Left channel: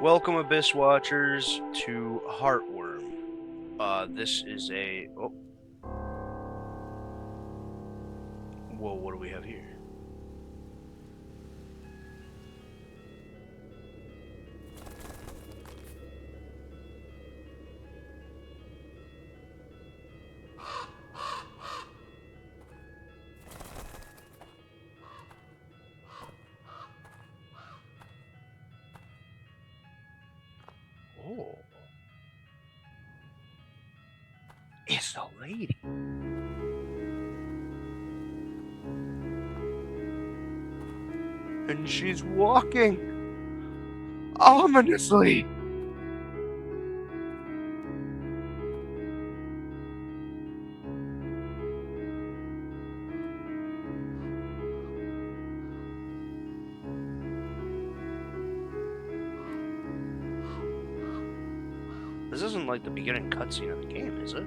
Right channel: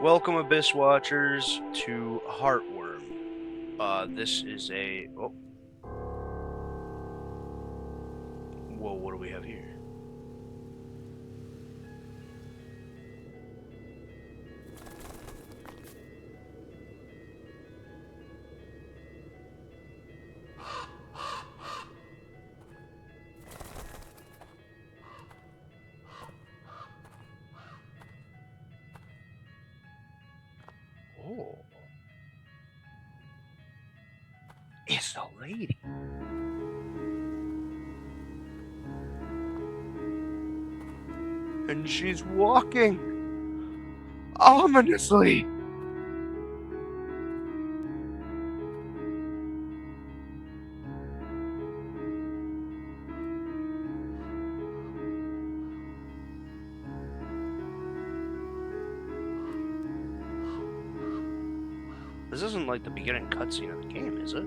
Welcome, Abyss Watchers, to Heartworm. This is a... Oh. Whoa, what do we have here? Oh. It's a lady. And she's walking ominously. This isn't like the beginning cutscene of the game, is it?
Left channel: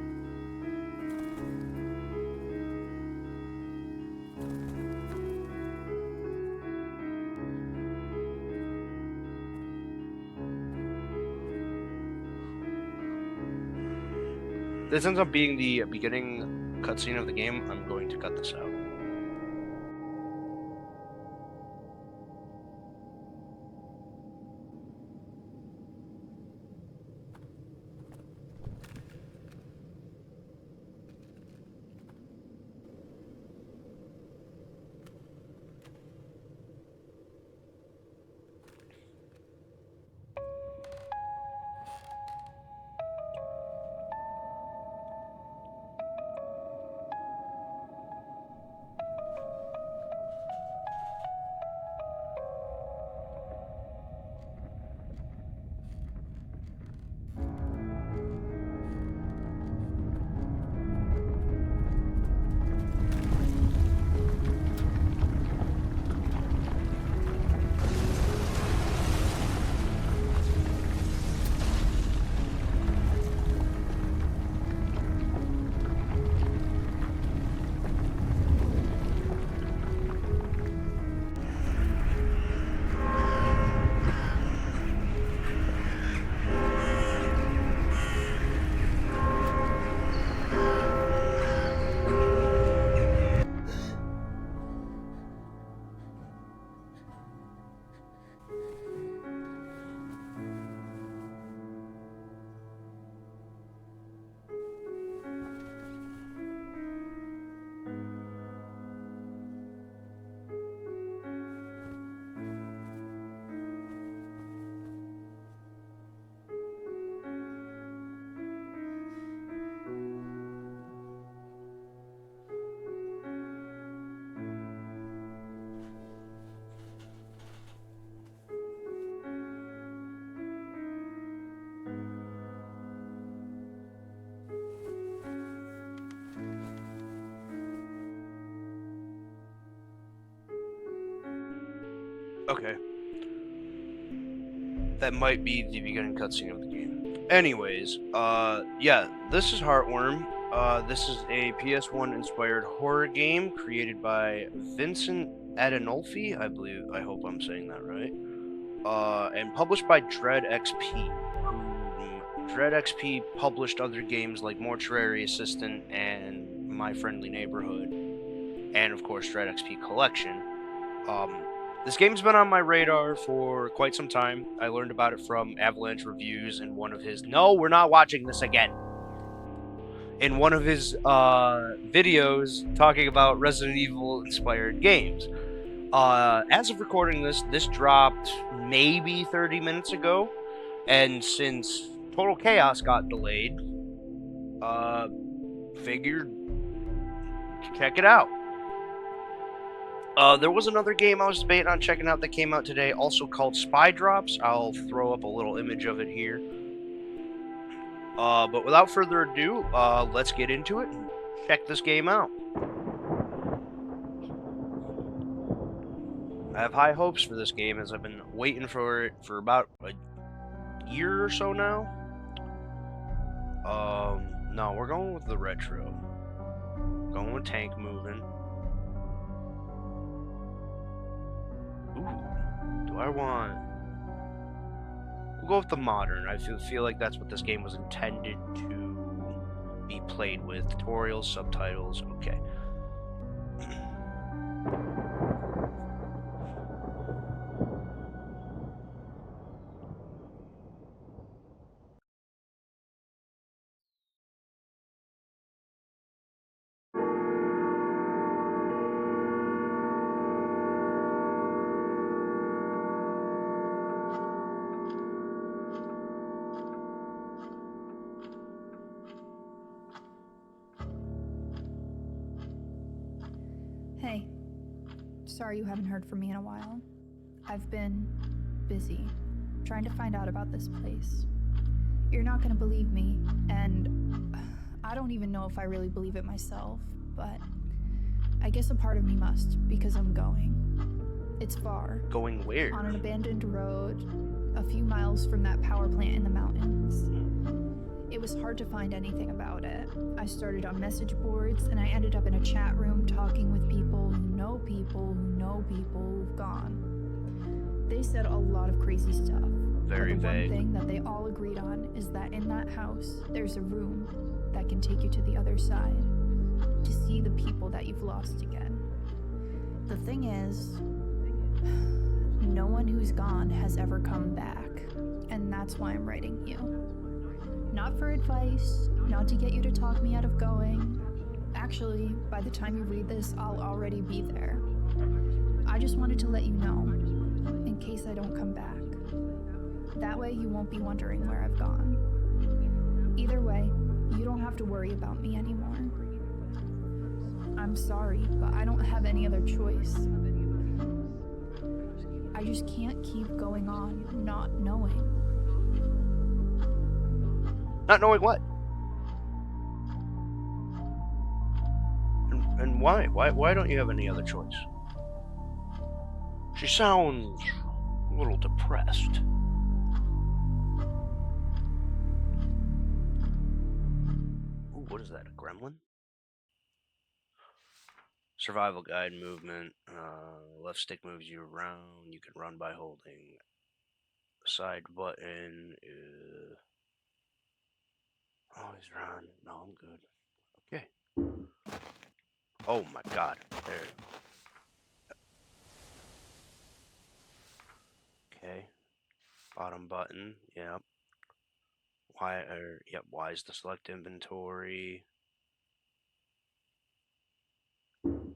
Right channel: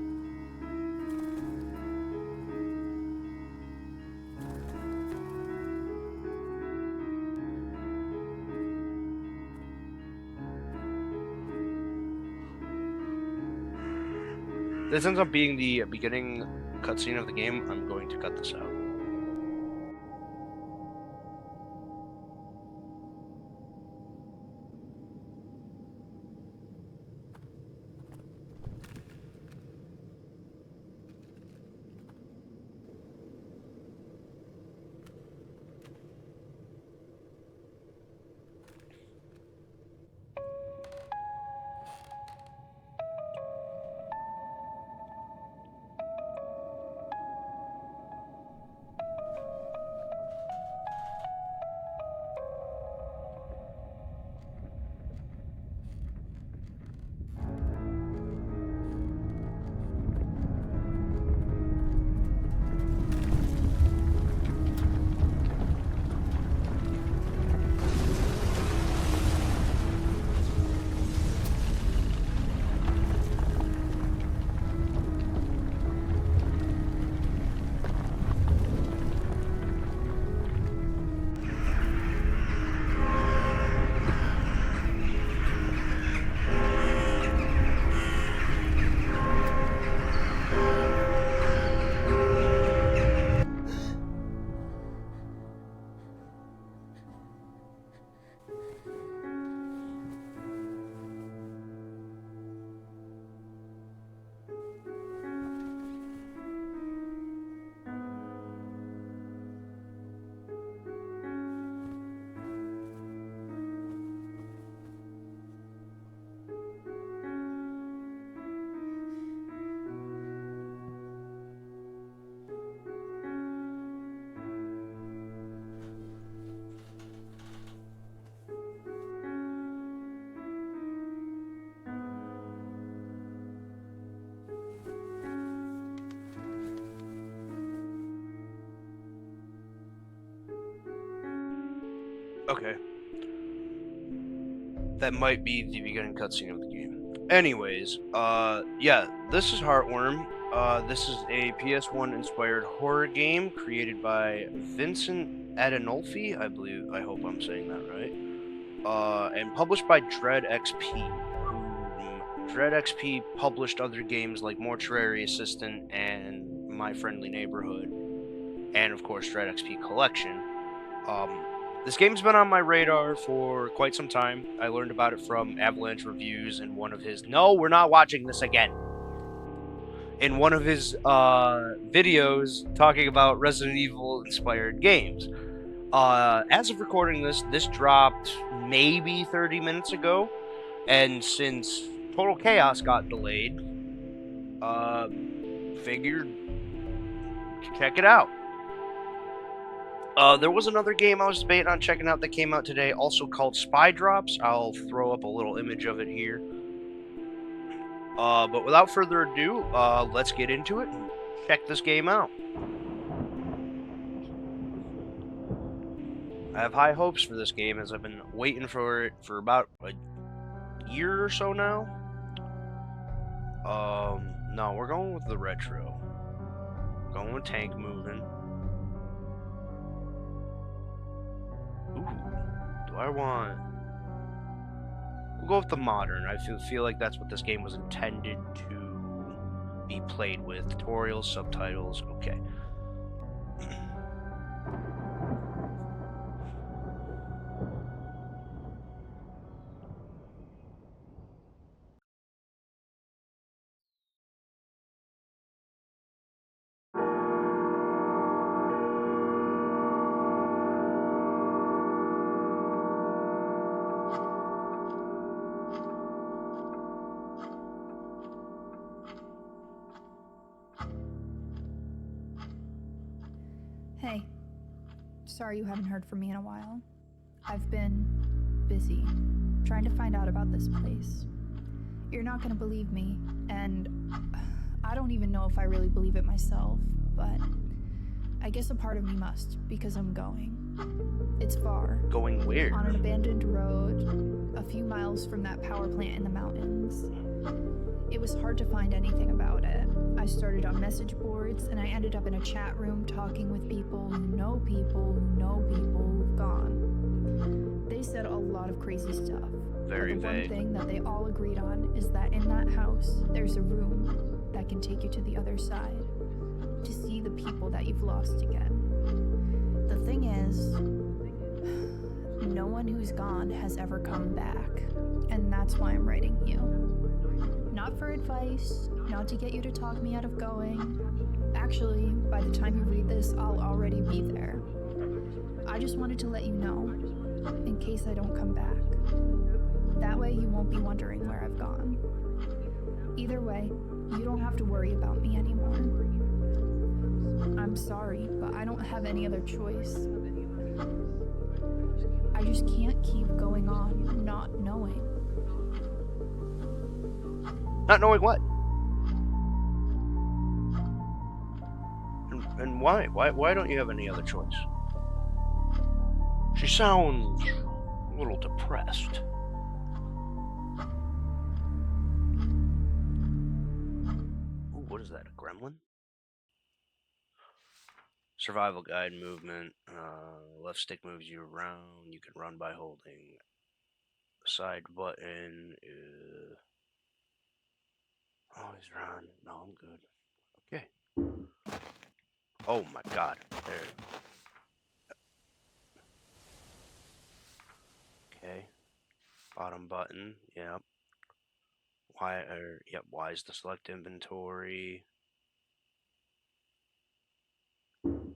This ends up being the beginning cutscene of the game. I'm going to cut this out. Okay. That might be the beginning cutscene of the game. Anyways, yeah, this is Heartworm. This is a PS1 inspired horror game created by Vincent Adinolfi, I believe. I hope I'm saying that right. And published by Dread XP. Dread XP published other games like Mortuary Assistant and My Friendly Neighborhood, and of course Dread XP Collection. This game's been on my radar for quite some time. I learned about it from Avalanche Reviews in one of his... No, we're not watching this again. In one of his videos talking about Resident Evil inspired games. As of recording this, this dropped maybe 30 minutes ago. And since Total Chaos got delayed, figured check it out. There was another game I was debating on checking out that came out today, also called Spy Drops. I'll throw up a little image of it here. But without further ado, let's get into it and check this game out. I have high hopes for this game as I've been waiting for it for about a year or so now. No, we're going with the retro. Going with tank moving. Ooh, do I want... We'll go with the modern. I feel like that's what this game was intended to be played with. Tutorials, subtitles, okay. Hey, sorry you haven't heard from me in a while. I've been busy trying to find out about this place. You're not gonna believe me, and I don't even know if I really believe it myself, but I guess a part of me must, because I'm going. It's far. Going where? On an abandoned road, a few miles from that power plant in the mountains. It was hard to find anything about it. I started on message boards, and I ended up in a chat room talking with people who know people who know people who've gone. They said a lot of crazy stuff. Very but the vague. one thing that they all agreed on is that in that house, there's a room that can take you to the other side, to see the people that you've lost again. The thing is, no one who's gone has ever come back, and that's why I'm writing you. Not for advice, not to get you to talk me out of going. Actually, by the time you read this, I'll already be there. I just wanted to let you know, in case I don't come back. That way you won't be wondering where I've gone. Either way, you don't have to worry about me anymore. I'm sorry, but I don't have any other choice. I just can't keep going on not knowing. Not knowing what? And why? Why don't you have any other choice? She sounds a little depressed. Ooh, what is that? A gremlin? Survival guide movement. Left stick moves you around. You can run by holding side button. Always run. No, I'm good. Okay. Oh my god. There. Okay. Bottom button. Yep. Y is the select inventory. Am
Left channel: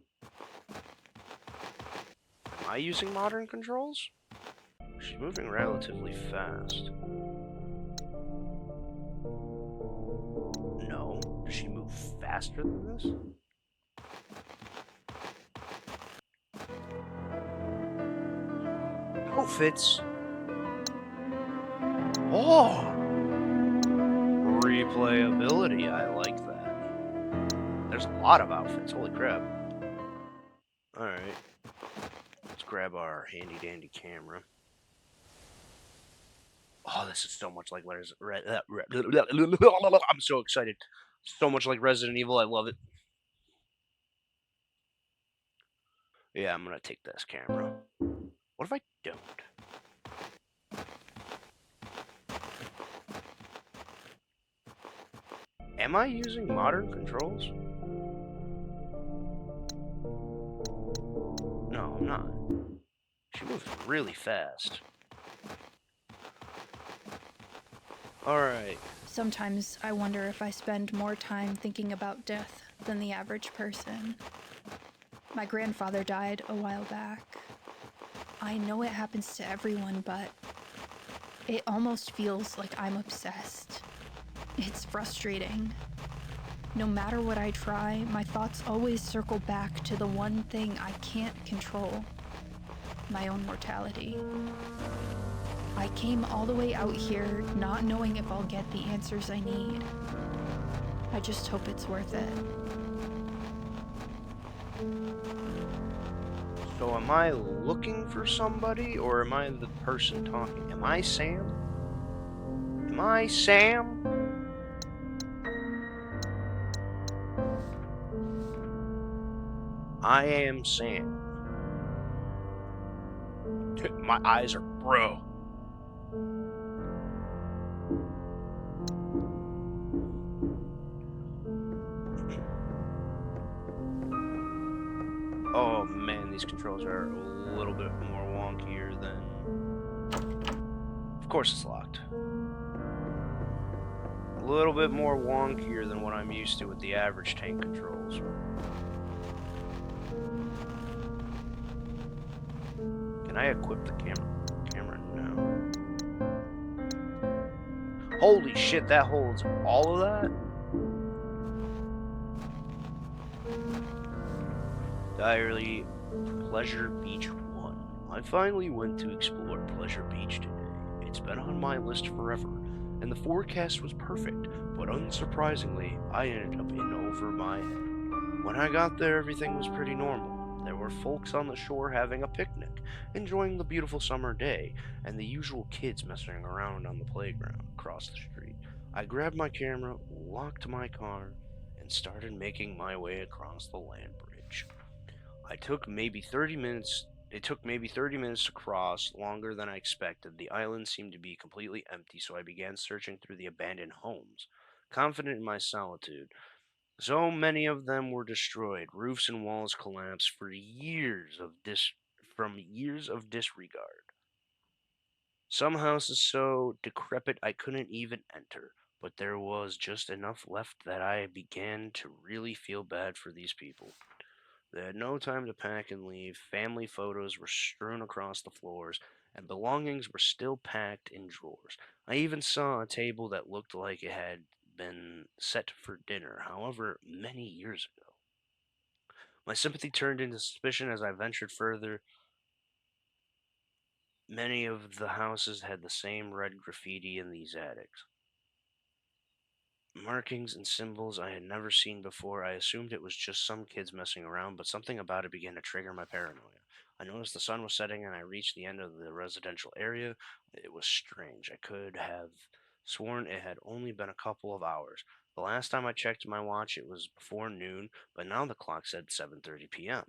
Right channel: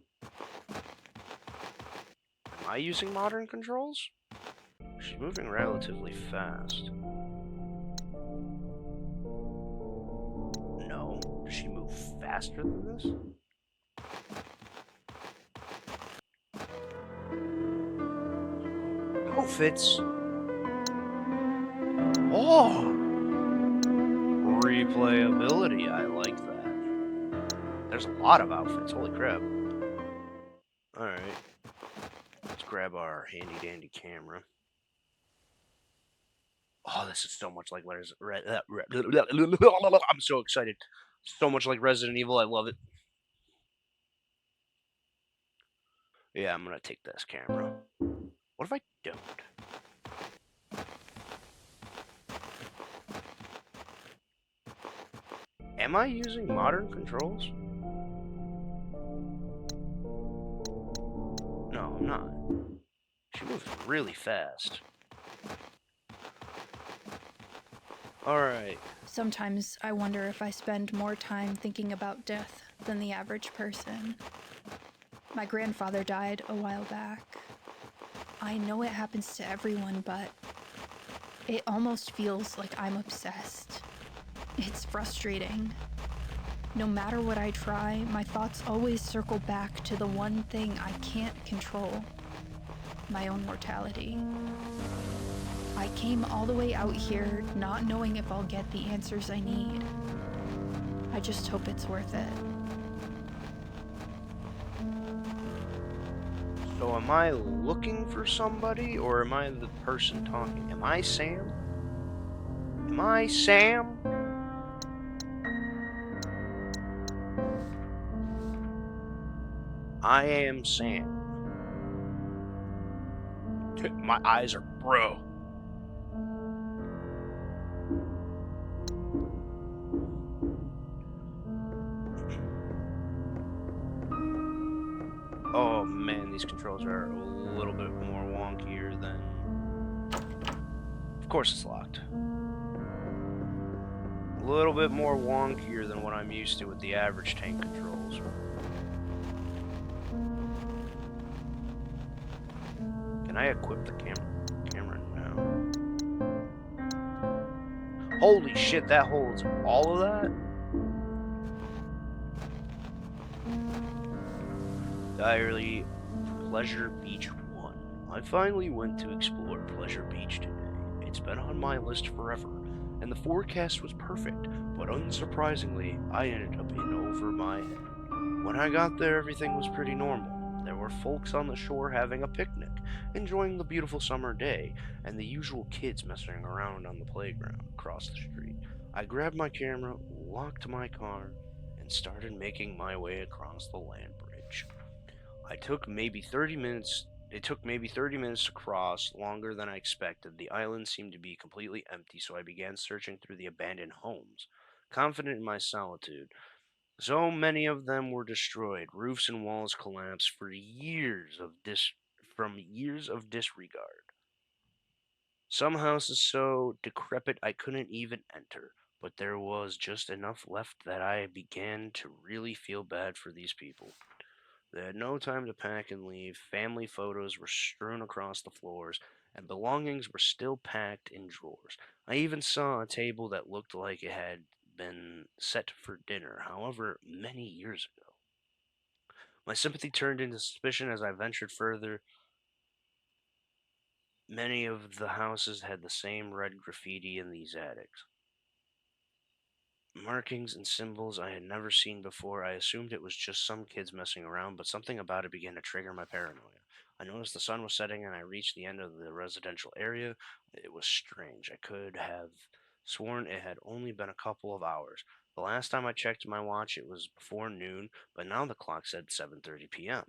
I using modern controls? She's moving relatively fast. No. Does she move faster than this? Outfits. Oh! Replayability. I like that. There's a lot of outfits. Holy crap. Alright. Let's grab our handy dandy camera. Oh, this is so much like I'm so excited. So much like Resident Evil. I love it. Yeah, I'm gonna take this camera. What if I don't? Am I using modern controls? No, I'm not. She moves really fast. Alright. Sometimes I wonder if I spend more time thinking about death than the average person. My grandfather died a while back. I know it happens to everyone, but it almost feels like I'm obsessed. It's frustrating. No matter what I try, my thoughts always circle back to the one thing I can't control: my own mortality. I came all the way out here not knowing if I'll get the answers I need. I just hope it's worth it. So am I looking for somebody, or am I the person talking? Am I Sam? Am I Sam? I am Sam. My eyes are bro. Oh man, these controls are a little bit more wonkier than... Of course it's locked. A little bit more wonkier than what I'm used to with the average tank controls. Can I equip the camera now? Holy shit, that holds all of that? Diary, Pleasure Beach 1. I finally went to explore Pleasure Beach today. It's been on my list forever, and the forecast was perfect, but unsurprisingly, I ended up in over my head. When I got there, everything was pretty normal. There were folks on the shore having a picnic, enjoying the beautiful summer day, and the usual kids messing around on the playground across the street. I grabbed my camera, locked my car, and started making my way across the land bridge. It took maybe 30 minutes to cross, longer than I expected. The island seemed to be completely empty, so I began searching through the abandoned homes, confident in my solitude. So many of them were destroyed, roofs and walls collapsed from years of disregard. Some houses so decrepit I couldn't even enter, but there was just enough left that I began to really feel bad for these people. They had no time to pack and leave. Family photos were strewn across the floors, and belongings were still packed in drawers. I even saw a table that looked like it had been set for dinner, however many years ago. My sympathy turned into suspicion as I ventured further. Many of the houses had the same red graffiti in these attics. Markings and symbols I had never seen before. I assumed it was just some kids messing around, but something about it began to trigger my paranoia. I noticed the sun was setting and I reached the end of the residential area. It was strange. I could have sworn it had only been a couple of hours. The last time I checked my watch, it was before noon, but now the clock said 7:30 p.m.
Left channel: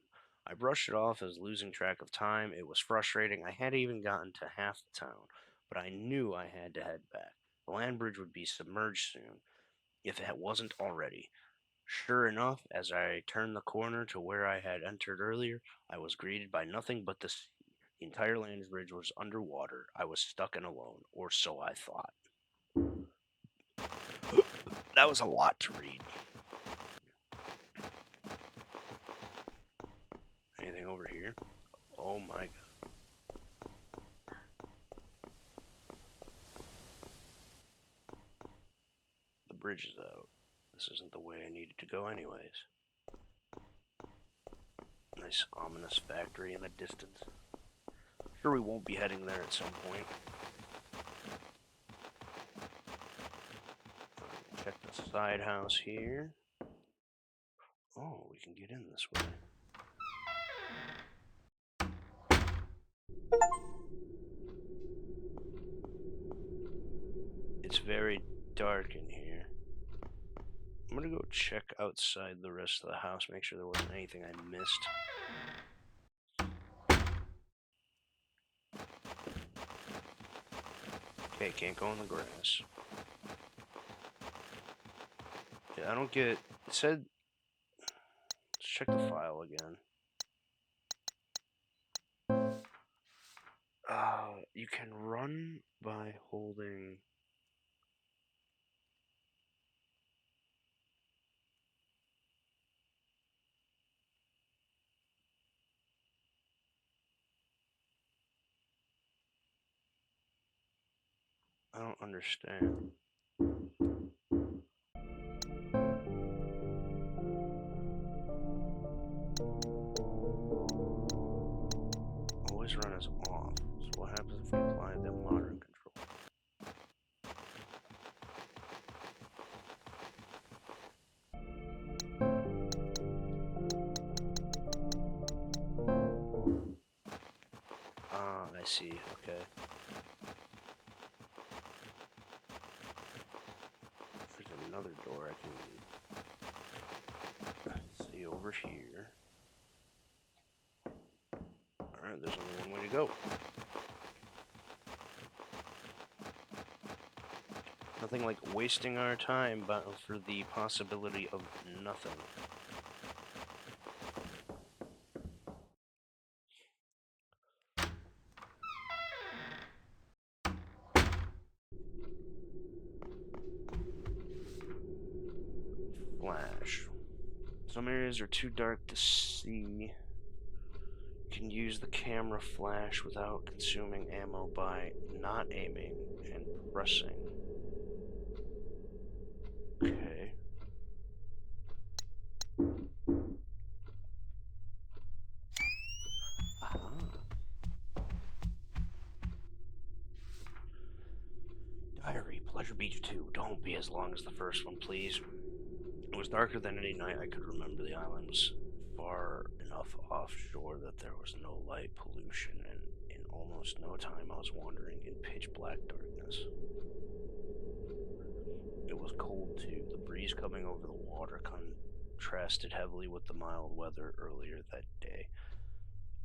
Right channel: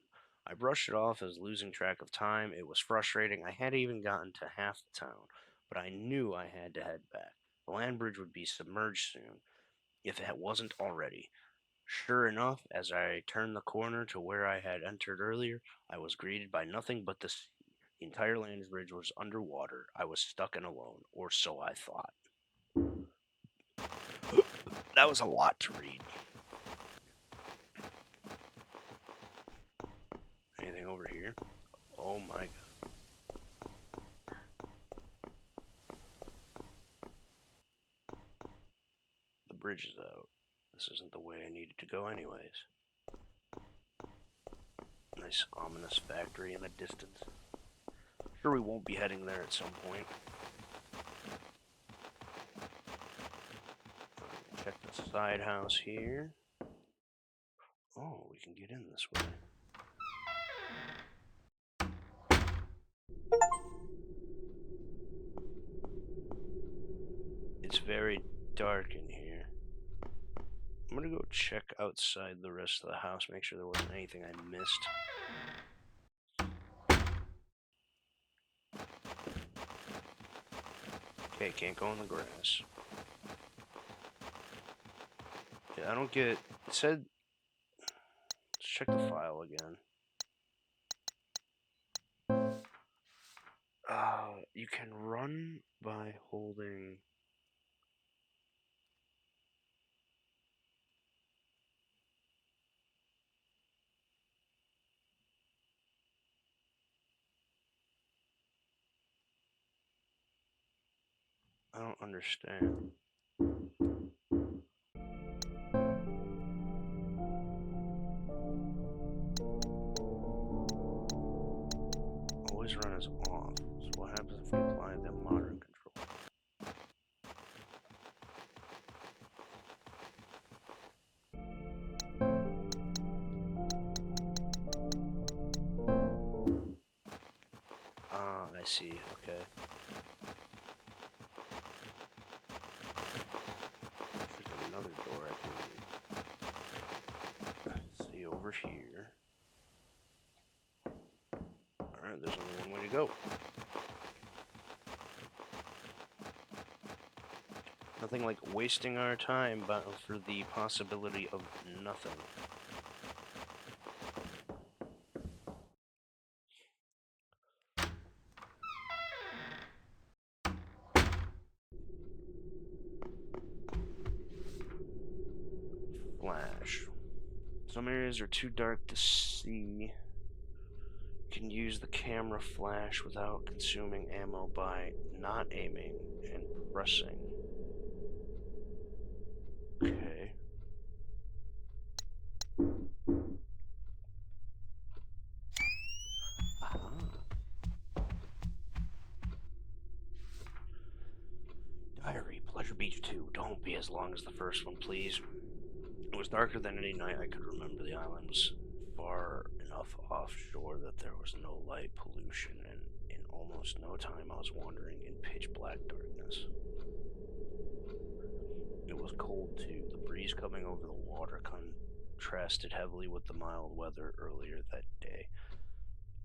I brushed it off as losing track of time. It was frustrating. I hadn't even gotten to half the town, but I knew I had to head back. The land bridge would be submerged soon if it wasn't already. Sure enough, as I turned the corner to where I had entered earlier, I was greeted by nothing but the sea. The entire land bridge was underwater. I was stuck and alone, or so I thought. That was a lot to read. Anything over here? Oh my god. The bridge is out. This isn't the way I needed to go anyways. Nice ominous factory in the distance. Sure, we won't be heading there at some point. Check the side house here. Oh, we can get in this way. It's very dark in here. I'm gonna go check outside the rest of the house, make sure there wasn't anything I missed. Okay, can't go in the grass. Yeah, I don't get... It said... Let's check the file again. You can run by holding... I don't understand. Always run as off. So what happens if we apply the modern control? Ah, I see. Okay. There's another door I can see over here. Alright, there's only one way to go. Nothing like wasting our time but for the possibility of nothing. Flash. Some areas are too dark to see. You can use the camera flash without consuming ammo by not aiming and pressing. Okay. Aha. Diary, Pleasure Beach 2. Don't be as long as the first one, please. It was darker than any night I could remember. The island was far enough offshore that there was no light pollution, and in almost no time I was wandering in pitch black darkness. It was cold too. The breeze coming over the water contrasted heavily with the mild weather earlier that day.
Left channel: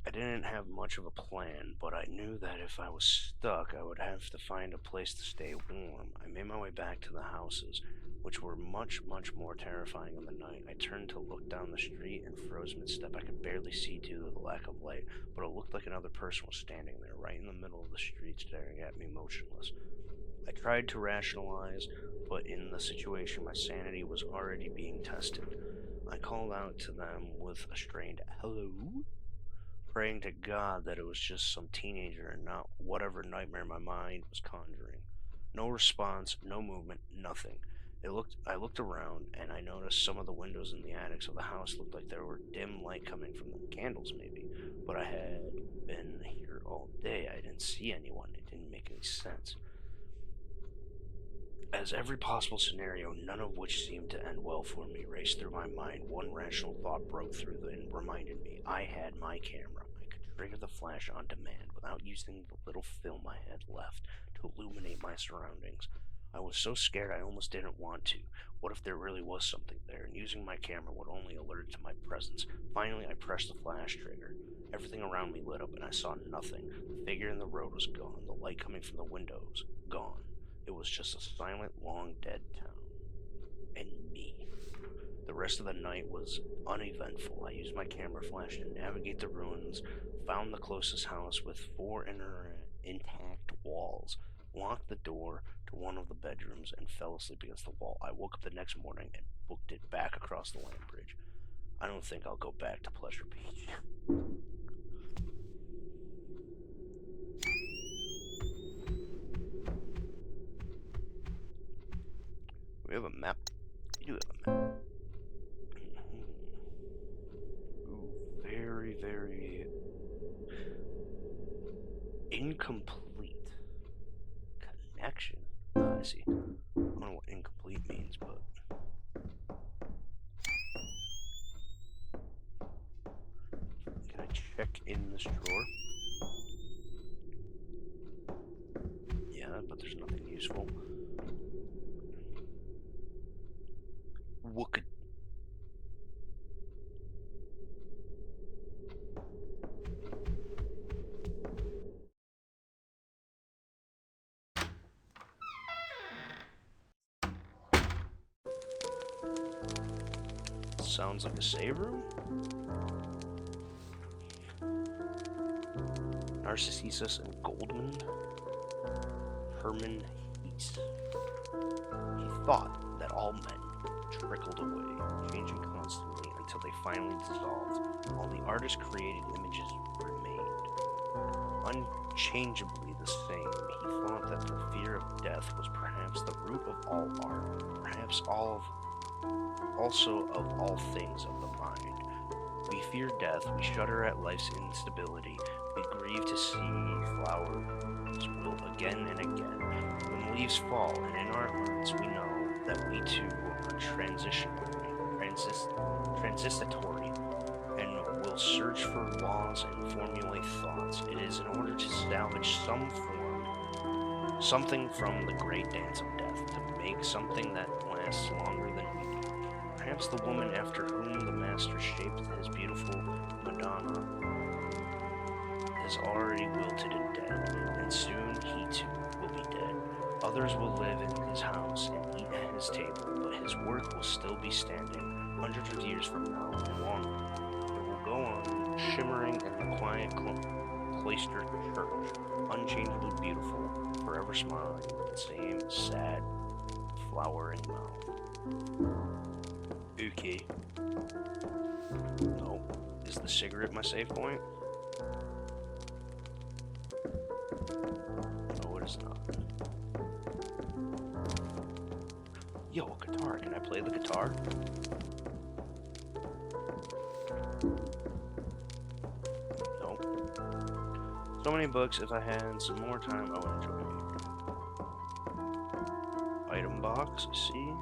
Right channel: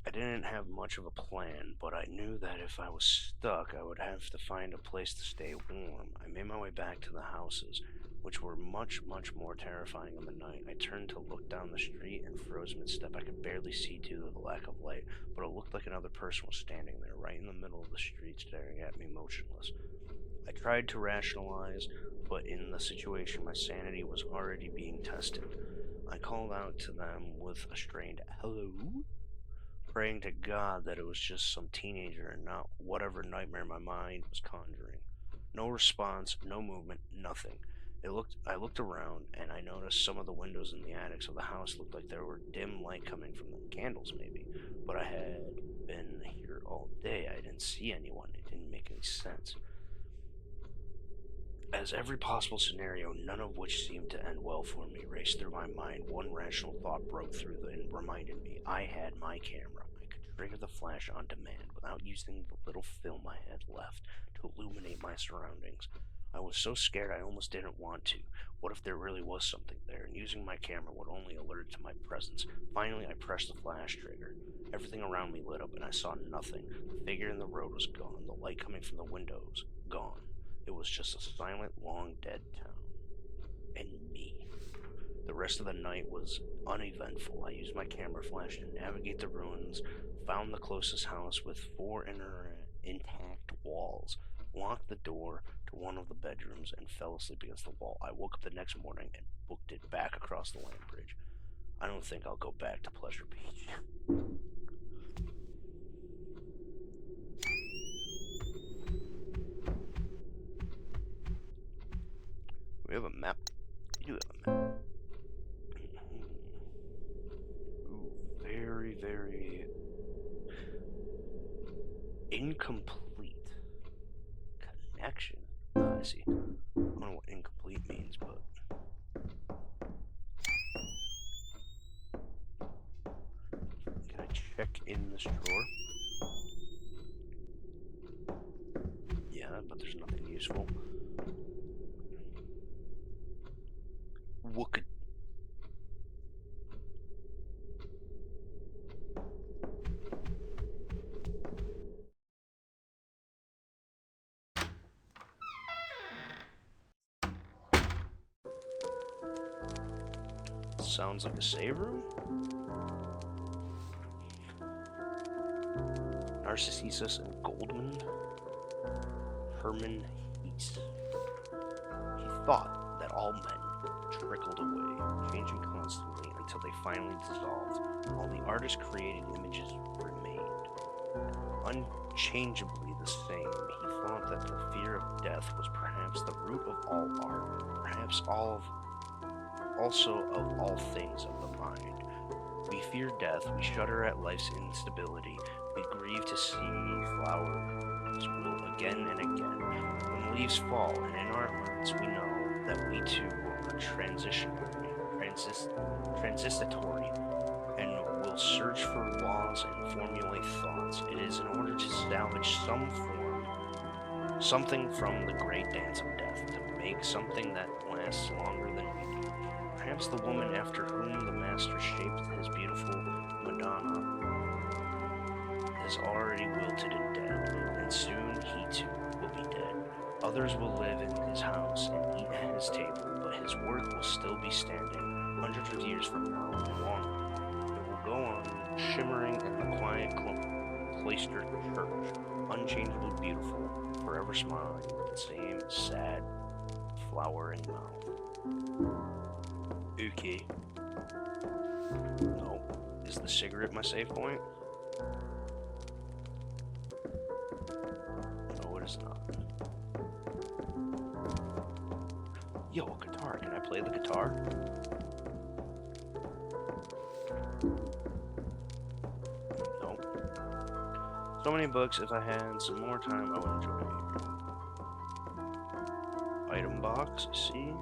I didn't have much of a plan, but I knew that if I was stuck, I would have to find a place to stay warm. I made my way back to the houses, which were much, much more terrifying in the night. I turned to look down the street and froze mid-step. I could barely see due to the lack of light, but it looked like another person was standing there, right in the middle of the street, staring at me motionless. I tried to rationalize, but in the situation, my sanity was already being tested. I called out to them with a strained hello, praying to God that it was just some teenager and not whatever nightmare my mind was conjuring. No response, no movement, nothing. I looked around, and I noticed some of the windows in the attics of the house looked like there were dim light coming from them, candles maybe. But I had been here all day. I didn't see anyone. It didn't make any sense. As every possible scenario, none of which seemed to end well for me, raced through my mind, one rational thought broke through and reminded me I had my camera. I could trigger the flash on demand without using the little film I had left to illuminate my surroundings. I was so scared I almost didn't want to. What if there really was something there, and using my camera would only alert it to my presence? Finally, I pressed the flash trigger. Everything around me lit up, and I saw nothing. The figure in the road was gone, the light coming from the windows, gone. It was just a silent, long dead town. And me. The rest of the night was uneventful. I used my camera flash to navigate the ruins, found the closest house with 4 intact walls, locked the door to one of the bedrooms, and fell asleep against the wall. I woke up the next morning and booked it back across the land bridge. I don't think I'll go back to Pleasure Beach. We have a map. You have a map. Ooh, very, very incomplete connection. I see. I don't know what incomplete means, but can I check in this drawer? Yeah, but there's nothing useful. What could... Sounds like a save room? Narcissus and Goldman? Herman Heese. He thought that all men trickled away, changing constantly until they finally dissolved, while the artist-created images remained unchangeably the same. He thought that the fear of death was perhaps the root of all art, perhaps also of all things of the mind. We fear death, we shudder at life's instability, we grieve to see flowers wilt again and again. When leaves fall, and in our hearts we know that we too are transitory, and will search for laws and formulate thoughts. It is in order to salvage something from the great dance of death, to make something that lasts longer than we do. Perhaps the woman after whom the master shaped his beautiful Madonna is already wilted and dead, and soon he too will be dead. Others will live in his house and eat at his table, but his work will still be standing hundreds of years from now and longer. It will go on, shimmering in the quiet cloistered church, unchangeably beautiful, forever smiling with the same sad, flowering mouth. Okay. No. Is the cigarette my save point? No, it is not. Yo, a guitar. Can I play the guitar? No. So many books. If I had some more time, I would enjoy it. Item box. See?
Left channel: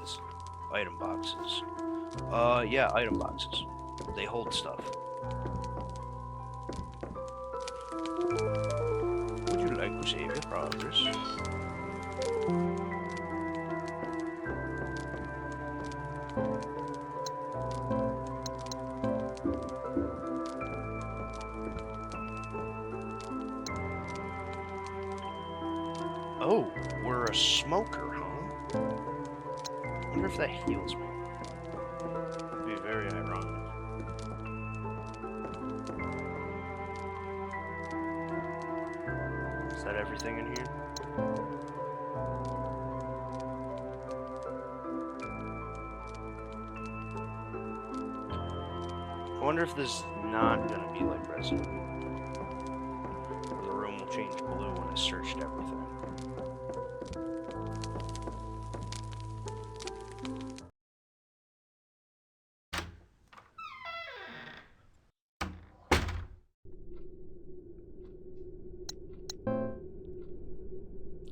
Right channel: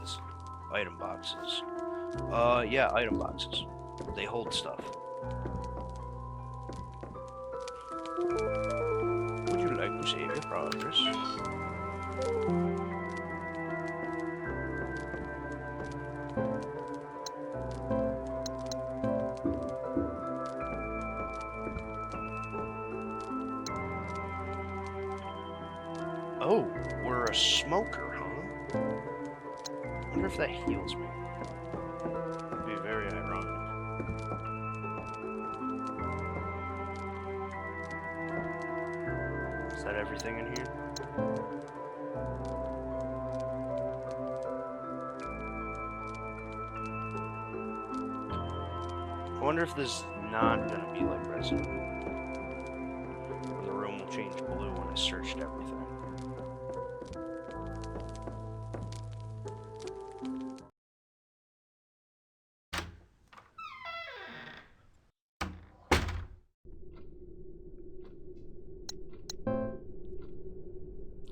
This item boxes. Yeah, item boxes. They hold stuff. Would you like to save your progress? Oh, we're a smoker, huh? I wonder if that heals me. Would be very ironic. Is that everything in here? I wonder if this is not gonna be like Resident Evil, where the room will change blue when I searched everything.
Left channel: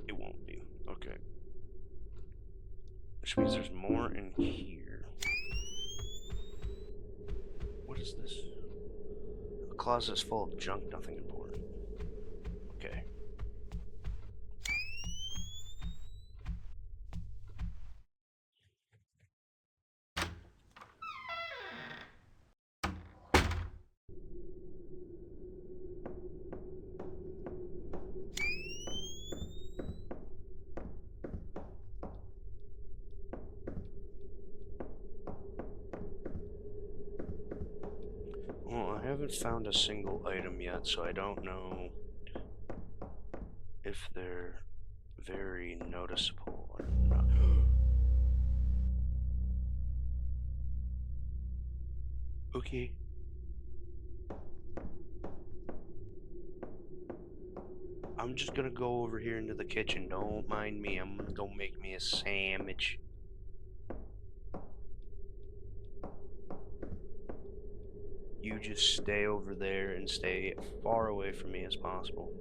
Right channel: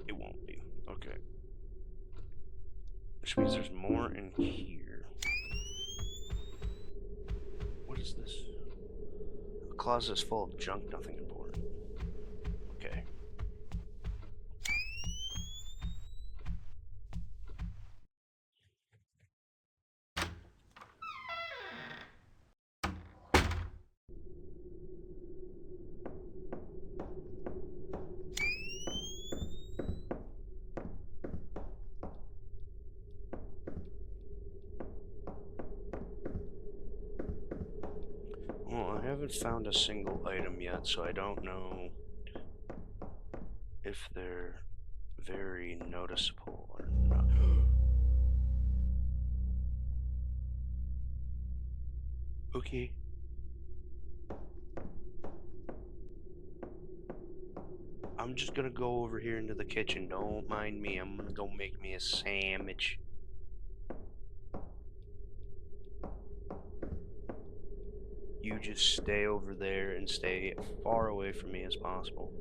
It won't be. Okay. Which means there's more in here. What is this? A closet is full of junk, nothing important. Okay. Well, I haven't found a single item yet, so I don't know if they're very noticeable or not. Okay. I'm just gonna go over here into the kitchen. Don't mind me. I'm gonna go make me a sandwich. You just stay over there and stay far away from me as possible.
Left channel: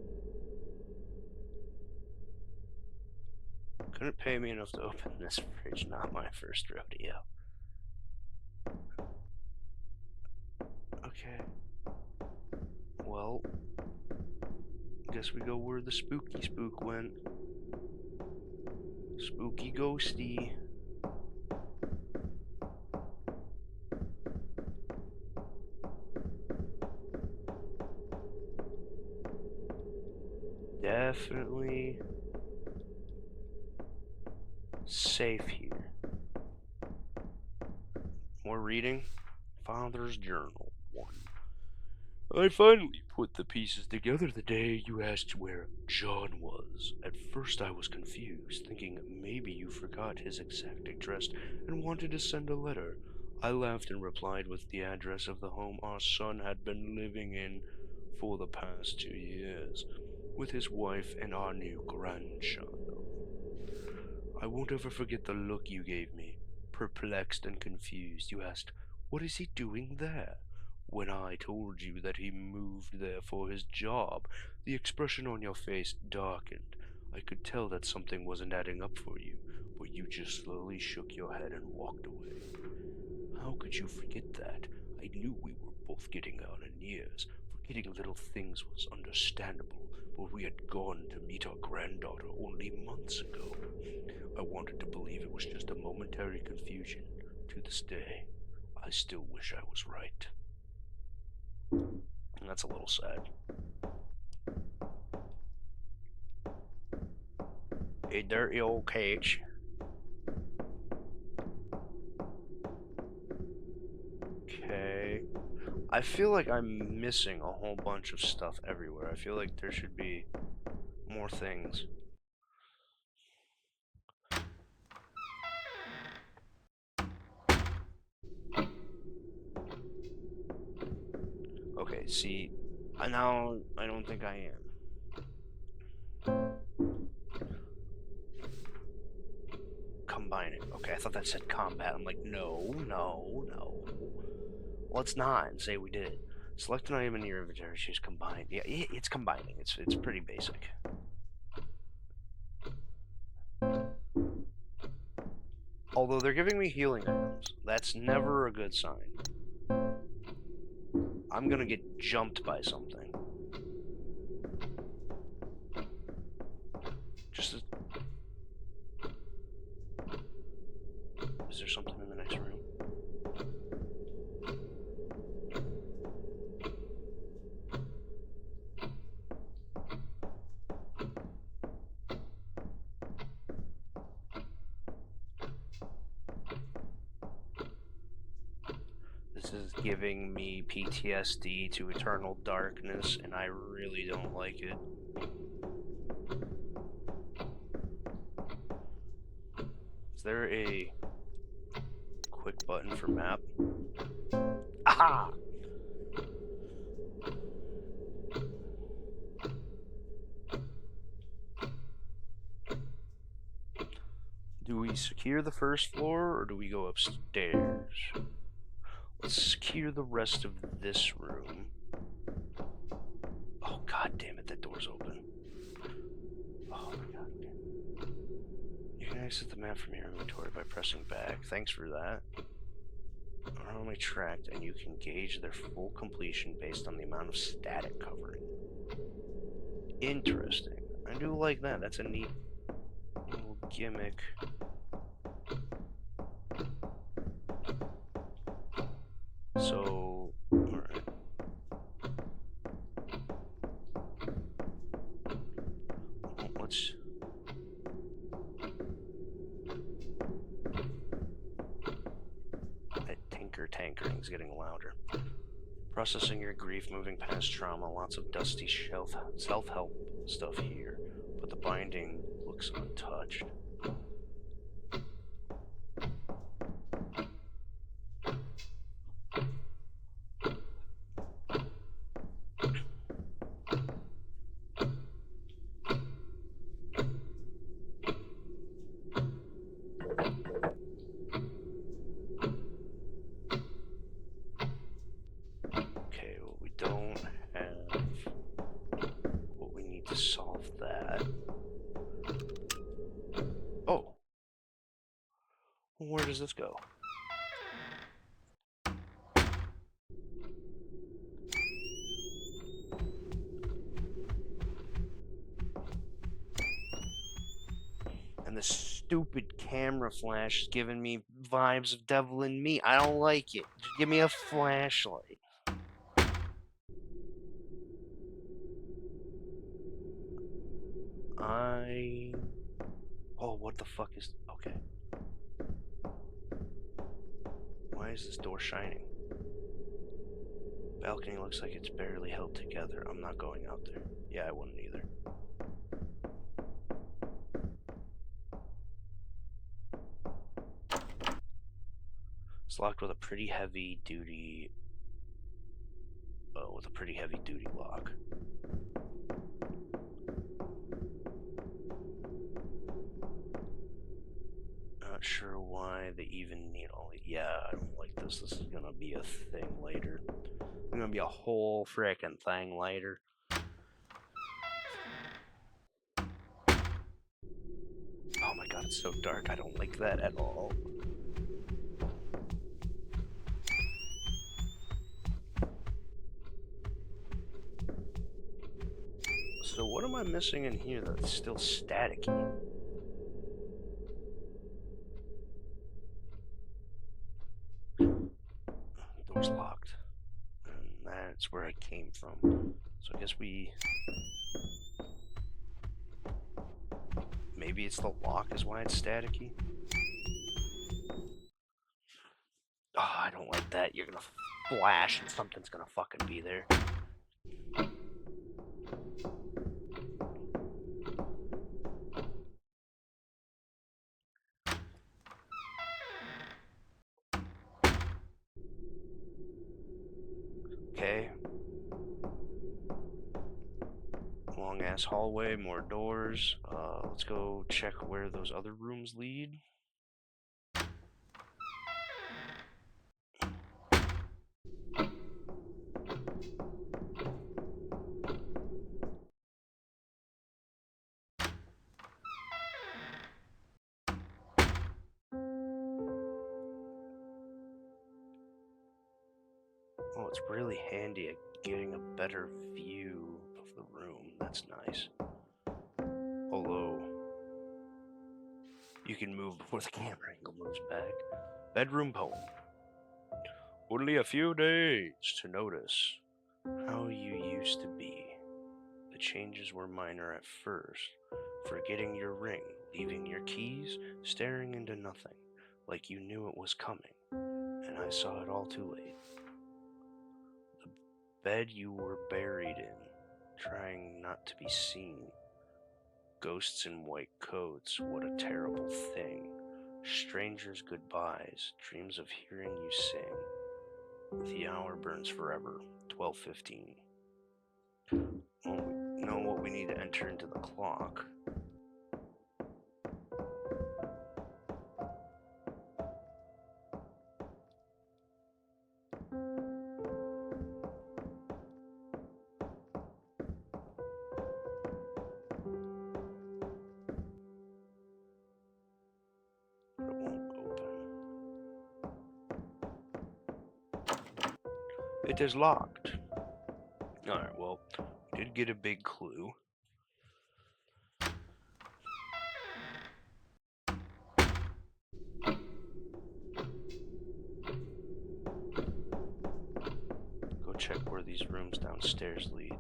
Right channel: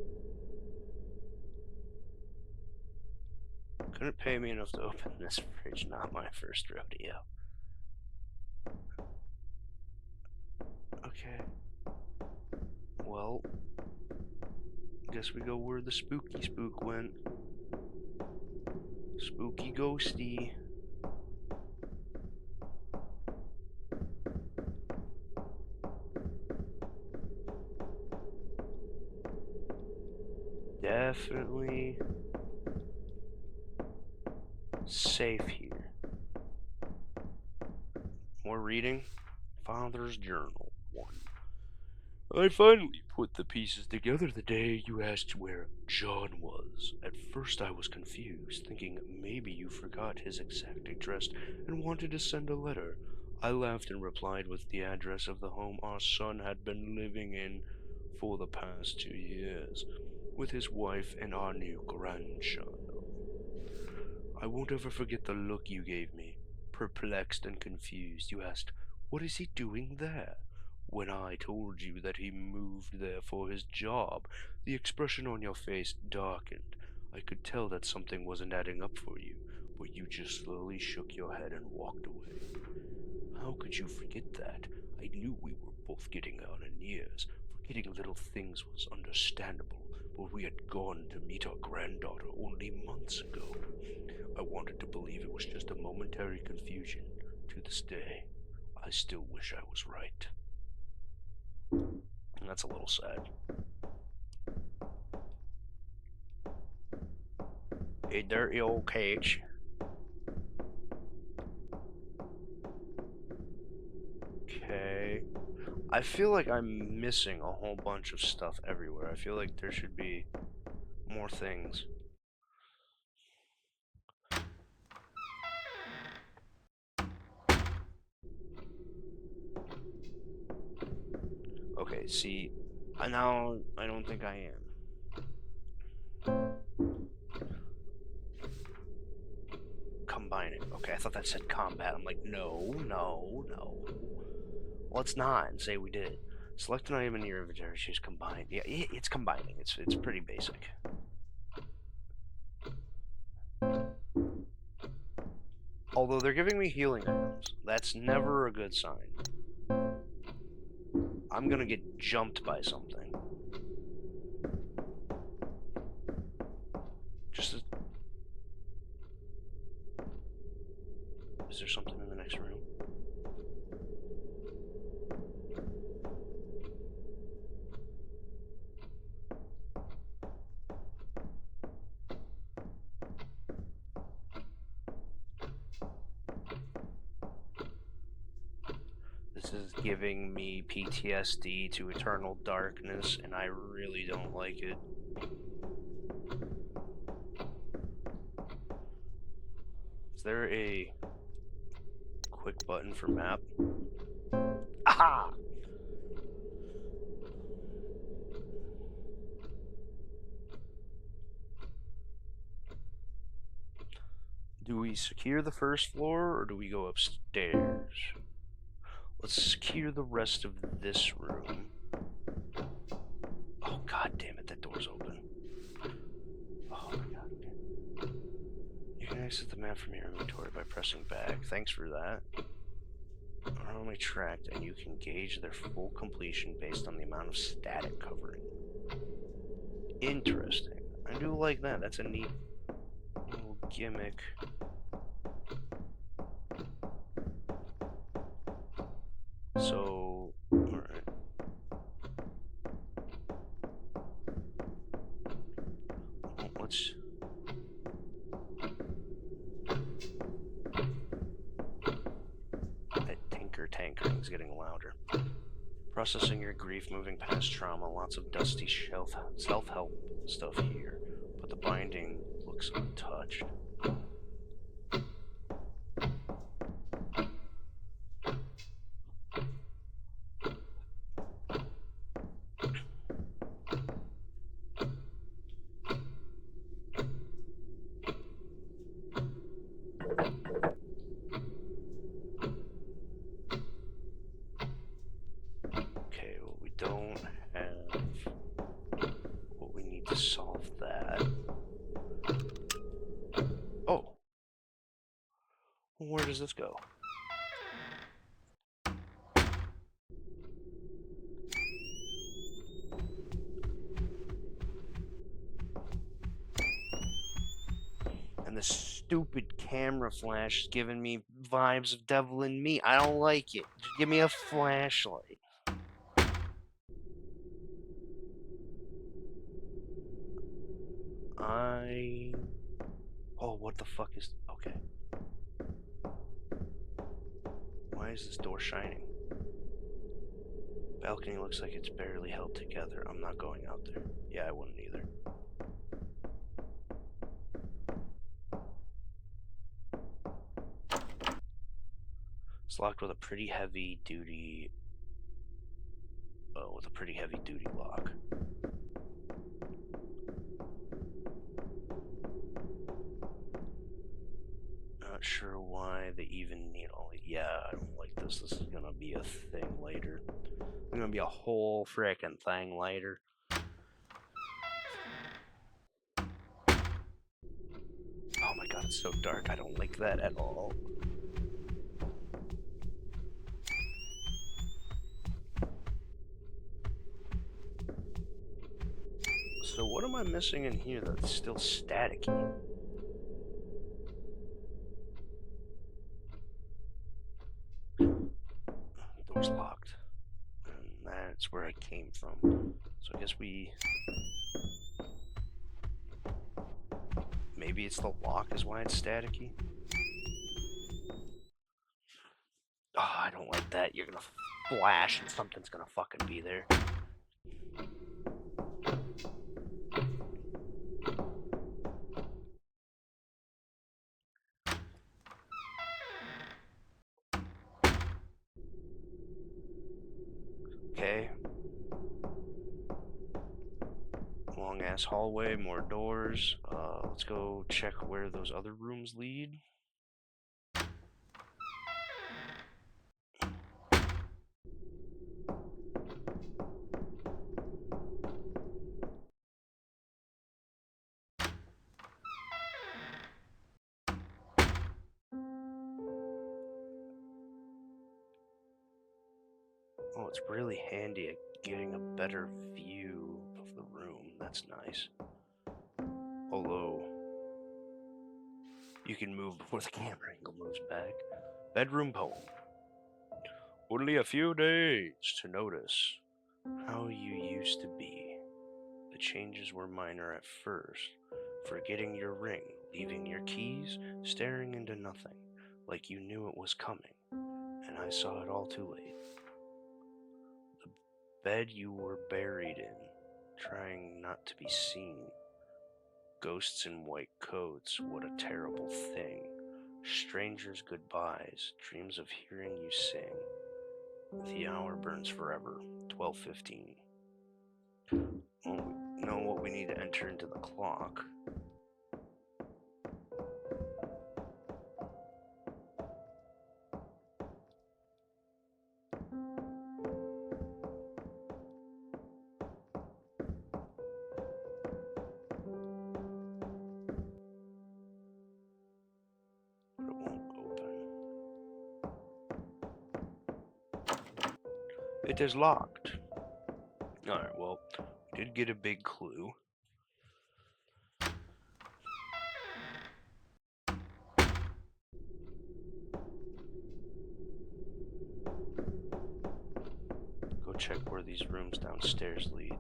Couldn't pay me enough to open this fridge. Not my first rodeo. Okay. Well, guess we go where the spooky spook went. Spooky ghosty. Definitely safe here. More reading. Father's Journal 1. I finally put the pieces together the day you asked where John was. At first I was confused, thinking maybe you forgot his exact address and wanted to send a letter. I laughed and replied with the address of the home our son had been living in for the past 2 years, with his wife and our new grandchild. I won't ever forget the look you gave me. Perplexed and confused, you asked, "What is he doing there?" When I told you that he moved there for his job, the expression on your face darkened. I could tell that something wasn't adding up for you, but you just slowly shook your head and walked away. How could you forget that? I knew we were both getting on in years. Forgetting little things was understandable, but we had gone to meet our granddaughter only months ago. I wanted to believe it was just a momentary confusion. To this day, I still wish I was right. And that's a little sad. A dirty old cage. Okay. I feel like I'm missing a whole bunch of stuff everywhere. I feel like there should be more things. Okay, see, now I don't think I am. Combining. Okay, I thought that said combat. I'm like, no. Let's not and say we did. Select an item in your inventory, choose combine. Yeah, it's combining. It's pretty basic. Although they're giving me healing items. That's never a good sign. I'm gonna get jumped by something. Is there something in the next room? This is giving me PTSD to Eternal Darkness, and I really don't like it. Is there a quick button for map? Aha! Do we secure the first floor, or do we go upstairs? Let's secure the rest of this room. Oh, god damn it, that door's open. Oh my god. You can exit the map from your inventory by pressing back. Thanks for that. Normally tracked, and you can gauge their full completion based on the amount of static covering. Interesting. I do like that. That's a neat little gimmick. So, alright. Let's... That tankering's getting louder. Processing your grief, moving past trauma, lots of dusty self-help stuff here, but the binding looks untouched. Solve that. Oh. Where does this go? And the stupid camera flash is giving me vibes of Devil in Me. I don't like it. Just give me a flashlight. Oh, what the fuck is... Okay. Why is this door shining? Balcony looks like it's barely held together. I'm not going out there. Yeah, I wouldn't either. It's locked with a pretty heavy duty... with a pretty heavy duty lock. Not sure why they even need all... Yeah, I don't like this. This is gonna be a thing later. It's gonna be a whole frickin' thing later. Oh my god, it's so dark. I don't like that at all. So what am I missing in here that's still staticky? Door's locked. And that's where I came from. So I guess maybe it's the lock is why it's staticky. Oh, I don't like that. You're gonna flash and something's gonna fucking be there. Okay. Long ass hallway, more doors. Let's go check where those other rooms lead. Oh, it's really handy at getting a better view of the room. That's nice. Although, you can move before the camera angle moves back. Bedroom poem. Only a few days to notice how you used to be. The changes were minor at first. Forgetting your ring, leaving your keys, staring into nothing, like you knew it was coming, and I saw it all too late. The bed you were buried in, trying not to be seen. Ghosts in white coats, what a terrible thing. Strangers' goodbyes, dreams of hearing you sing. The hour burns forever, 12:15. Well, we know what we need to enter into the clock. But it won't open. It is locked. Alright, well, we did get a big clue. Go check where these rooms downstairs lead.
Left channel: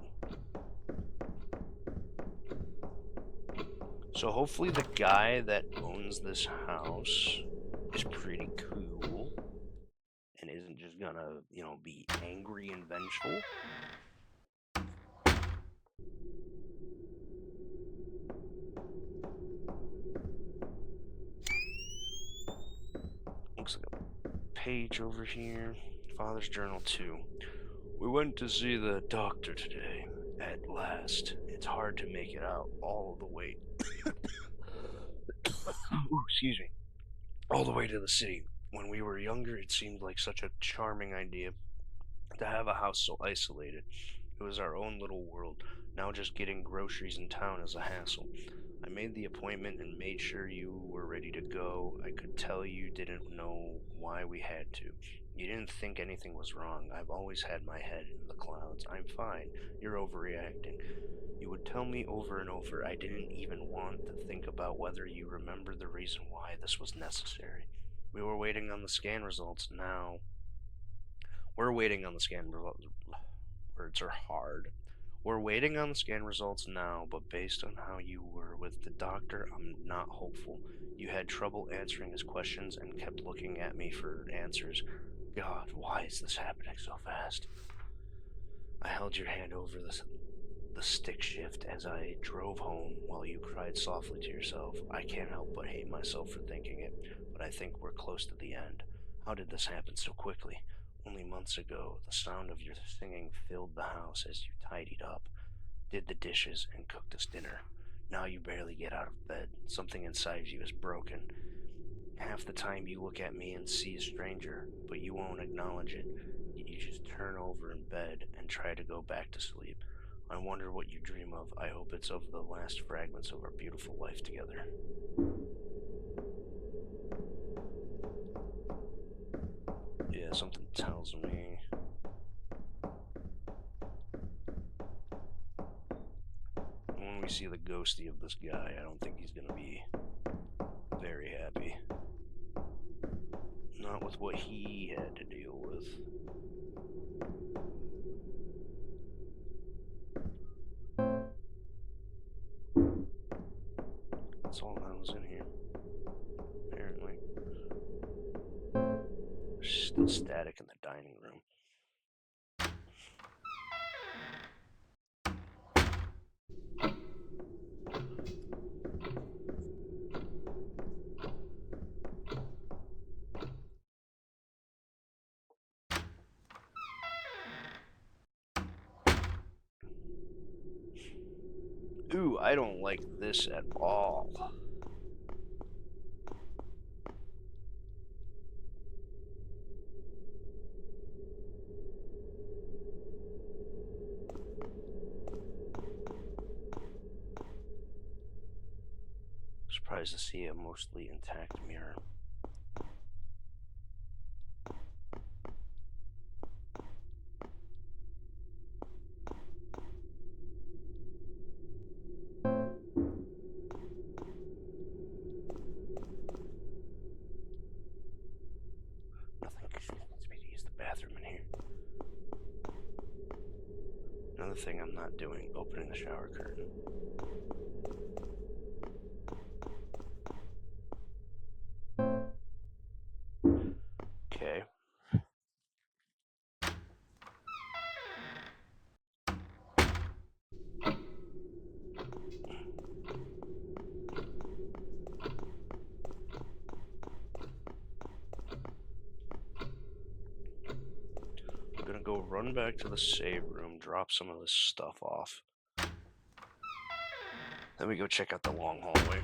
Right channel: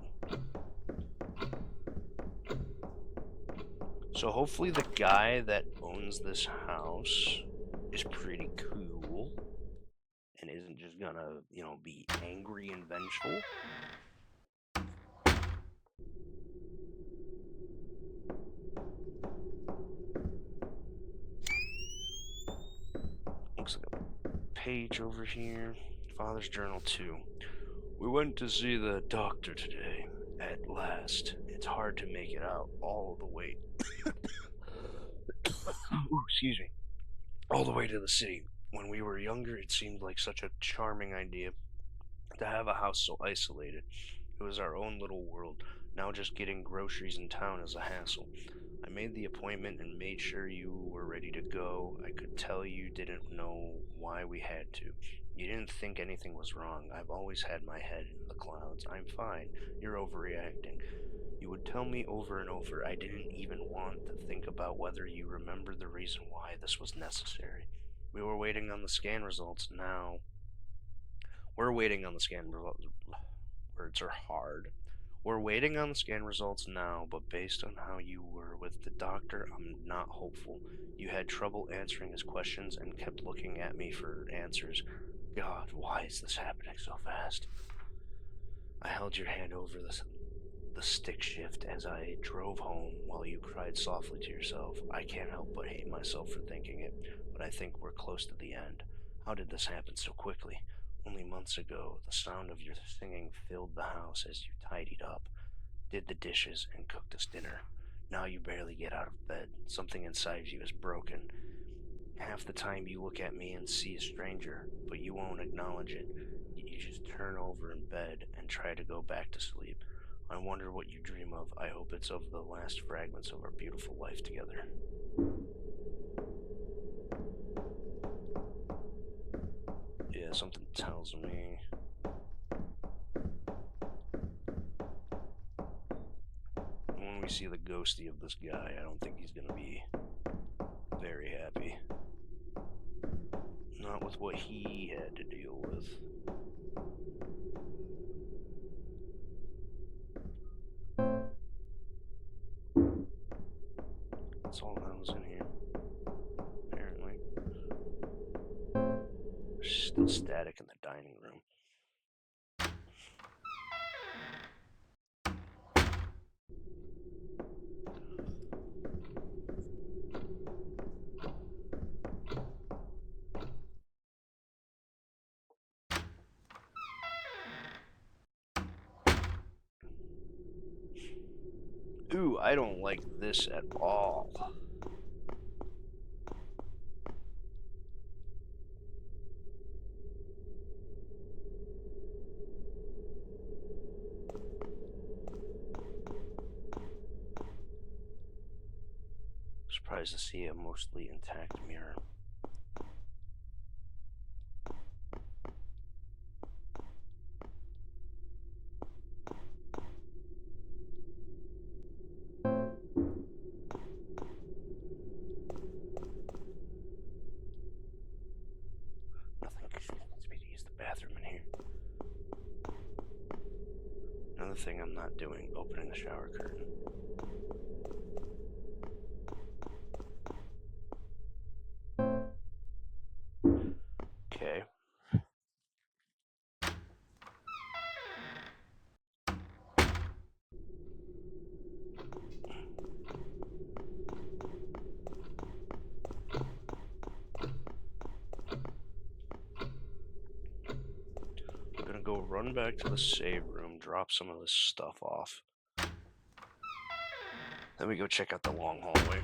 So hopefully the guy that owns this house is pretty cool and isn't just gonna, be angry and vengeful. Looks like a page over here. Father's journal 2. We went to see the doctor today. At last. It's hard to make it out all the way. Ooh, excuse me. All the way to the city. When we were younger, it seemed like such a charming idea to have a house so isolated. It was our own little world. Now just getting groceries in town is a hassle. I made the appointment and made sure you were ready to go. I could tell you didn't know why we had to. You didn't think anything was wrong. I've always had my head in the clouds. I'm fine. You're overreacting. You would tell me over and over. I didn't even want to think about whether you remember the reason why this was necessary. We were waiting on the scan results now. We're waiting on the scan results. Words are hard. We're waiting on the scan results now, but based on how you were with the doctor, I'm not hopeful. You had trouble answering his questions and kept looking at me for answers. God, why is this happening so fast? I held your hand over the stick shift as I drove home while you cried softly to yourself. I can't help but hate myself for thinking it, but I think we're close to the end. How did this happen so quickly? Only months ago, the sound of your singing filled the house as you tidied up, did the dishes, and cooked us dinner. Now you barely get out of bed. Something inside you is broken. Half the time you look at me and see a stranger, but you won't acknowledge it. You just turn over in bed and try to go back to sleep. I wonder what you dream of. I hope it's of the last fragments of our beautiful life together. Yeah, something tells me. When we see the ghosty of this guy, I don't think he's gonna be very happy. Not with what he had to deal with. feel static in the dining room. Ooh, I don't like this at all. Surprised to see a mostly intact mirror. Nothing convinces me to use the bathroom in here. Another thing I'm not doing, opening the shower curtain. Okay. I'm gonna go run back to the save room, drop some of this stuff off. Then we go check out the long hallway.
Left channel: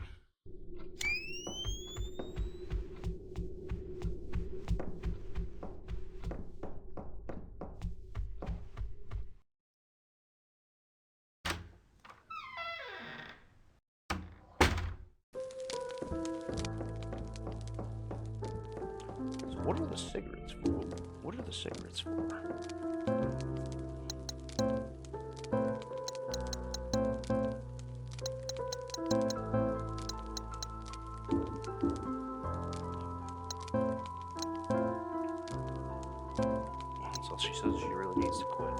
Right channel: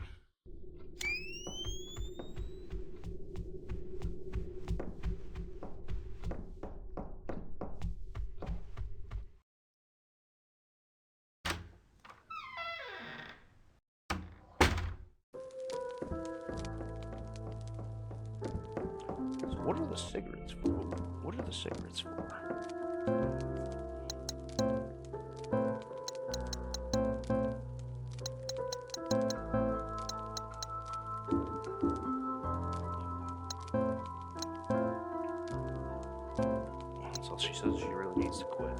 So what are the cigarettes for? What are the cigarettes for? So she says she really needs to quit.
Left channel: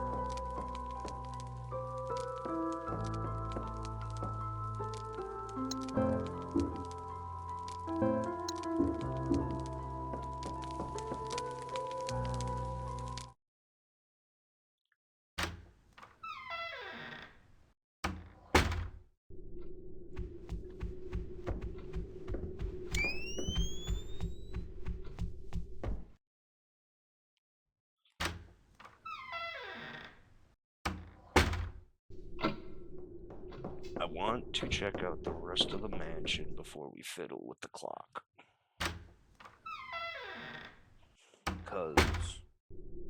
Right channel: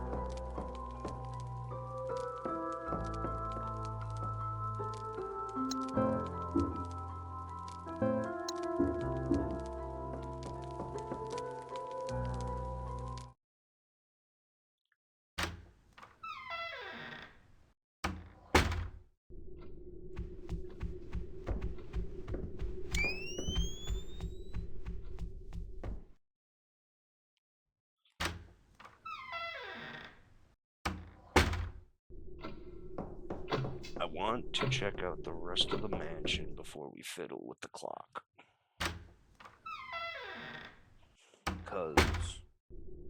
I want to check out the rest of the mansion before we fiddle with the clock. Because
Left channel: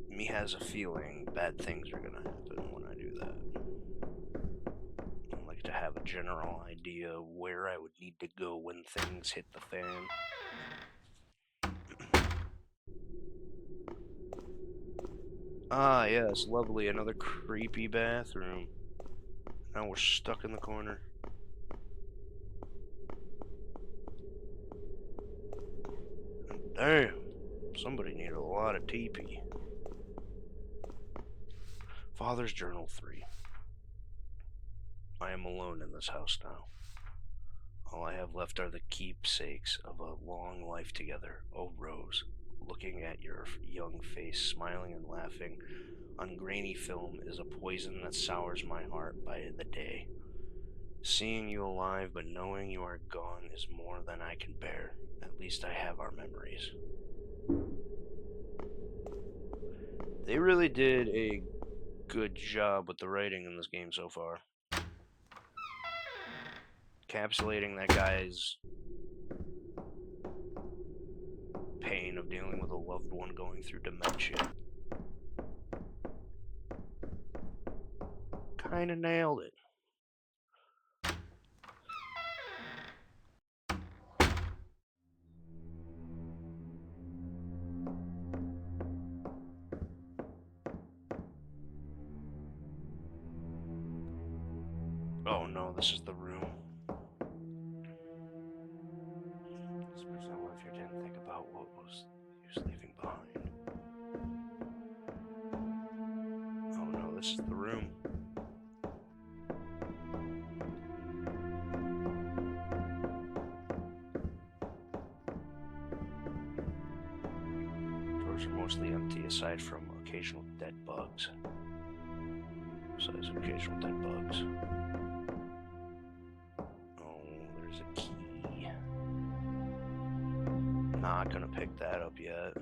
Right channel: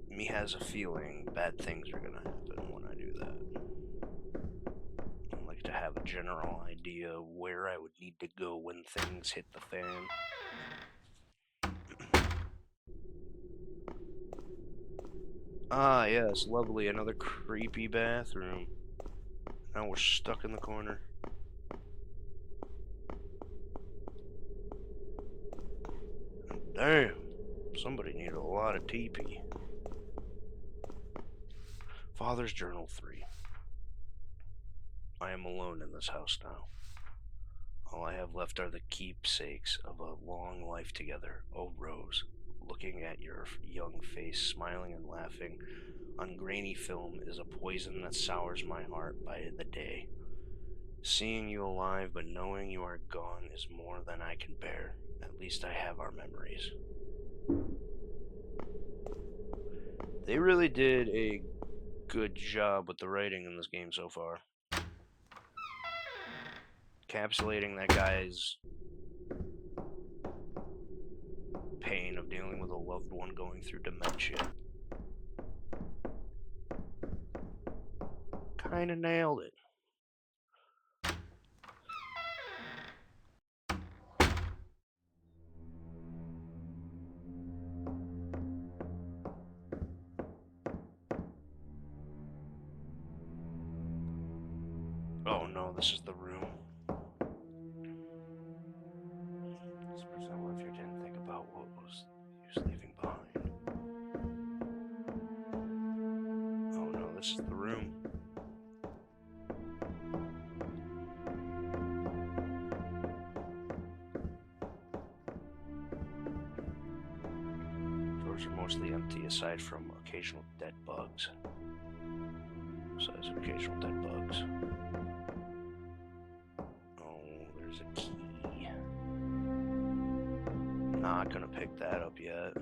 me has a feeling bad things are gonna happen when I do that. I like to have a general idea where I would need to go when things hit the fan. Ah, yes, lovely. Another creepy bathroom. Now we're stuck in the corner. Damn, somebody needed a lot of TP. Father's Journal 3. I am alone in this house now. All I have left are the keepsakes of a long life together. Oh, Rose, looking at your young face, smiling and laughing on grainy film is a poison that sours my heart by the day. Seeing you alive but knowing you are gone is more than I can bear. At least I have our memories. They really did a good job with the writing in this game so far. Encapsulating that guy's pain of dealing with a loved one going through dementia. Kinda nailed it. Oh no, this is the room. Suppose I left here didn't think about what was he was leaving behind. Oh no, this is the room. Drawers are mostly empty aside from occasional dead bugs. Besides occasional dead bugs. Oh, there's a key. Not gonna pick that up yet.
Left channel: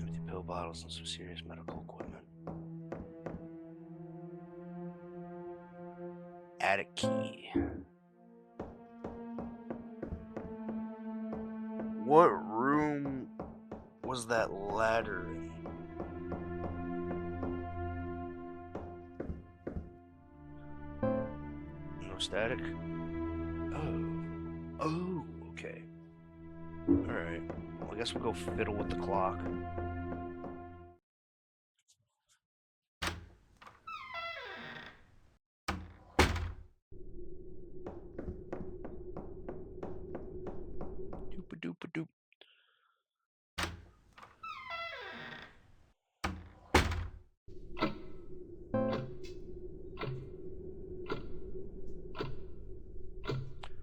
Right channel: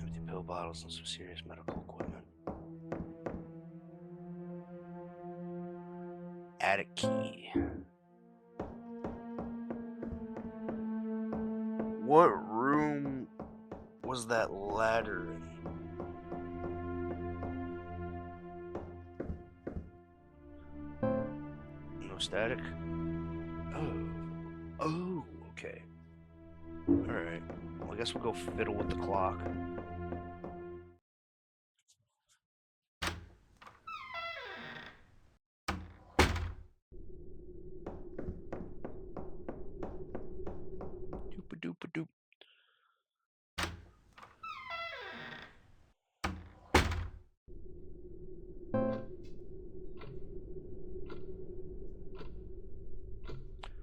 Empty pill bottles and some serious medical equipment. Attic key. What room was that ladder in? No static? Oh, okay. Alright. Well, I guess we'll go fiddle with the clock. Doop-a-doop-a-doop.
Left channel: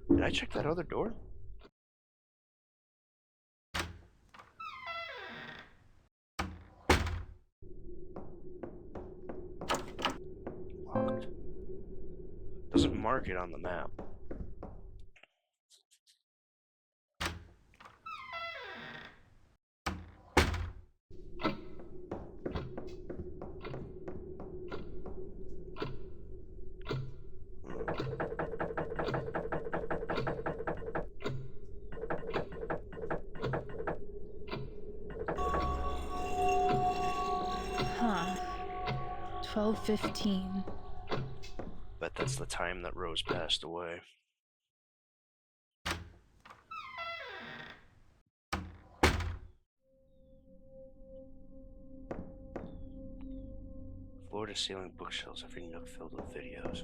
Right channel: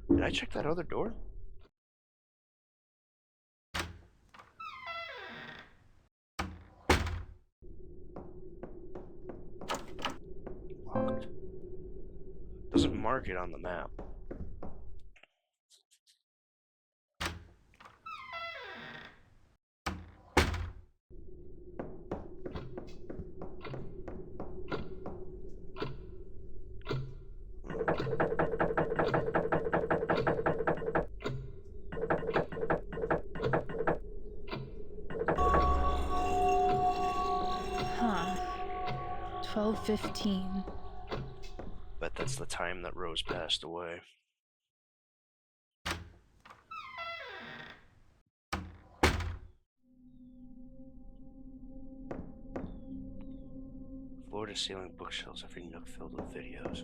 Did I check that other door? Locked. Doesn't mark it on the map. Huh. 12:15. Bet that's the time that Rose passed away. Floor-to-ceiling bookshelves, every nook filled with videos.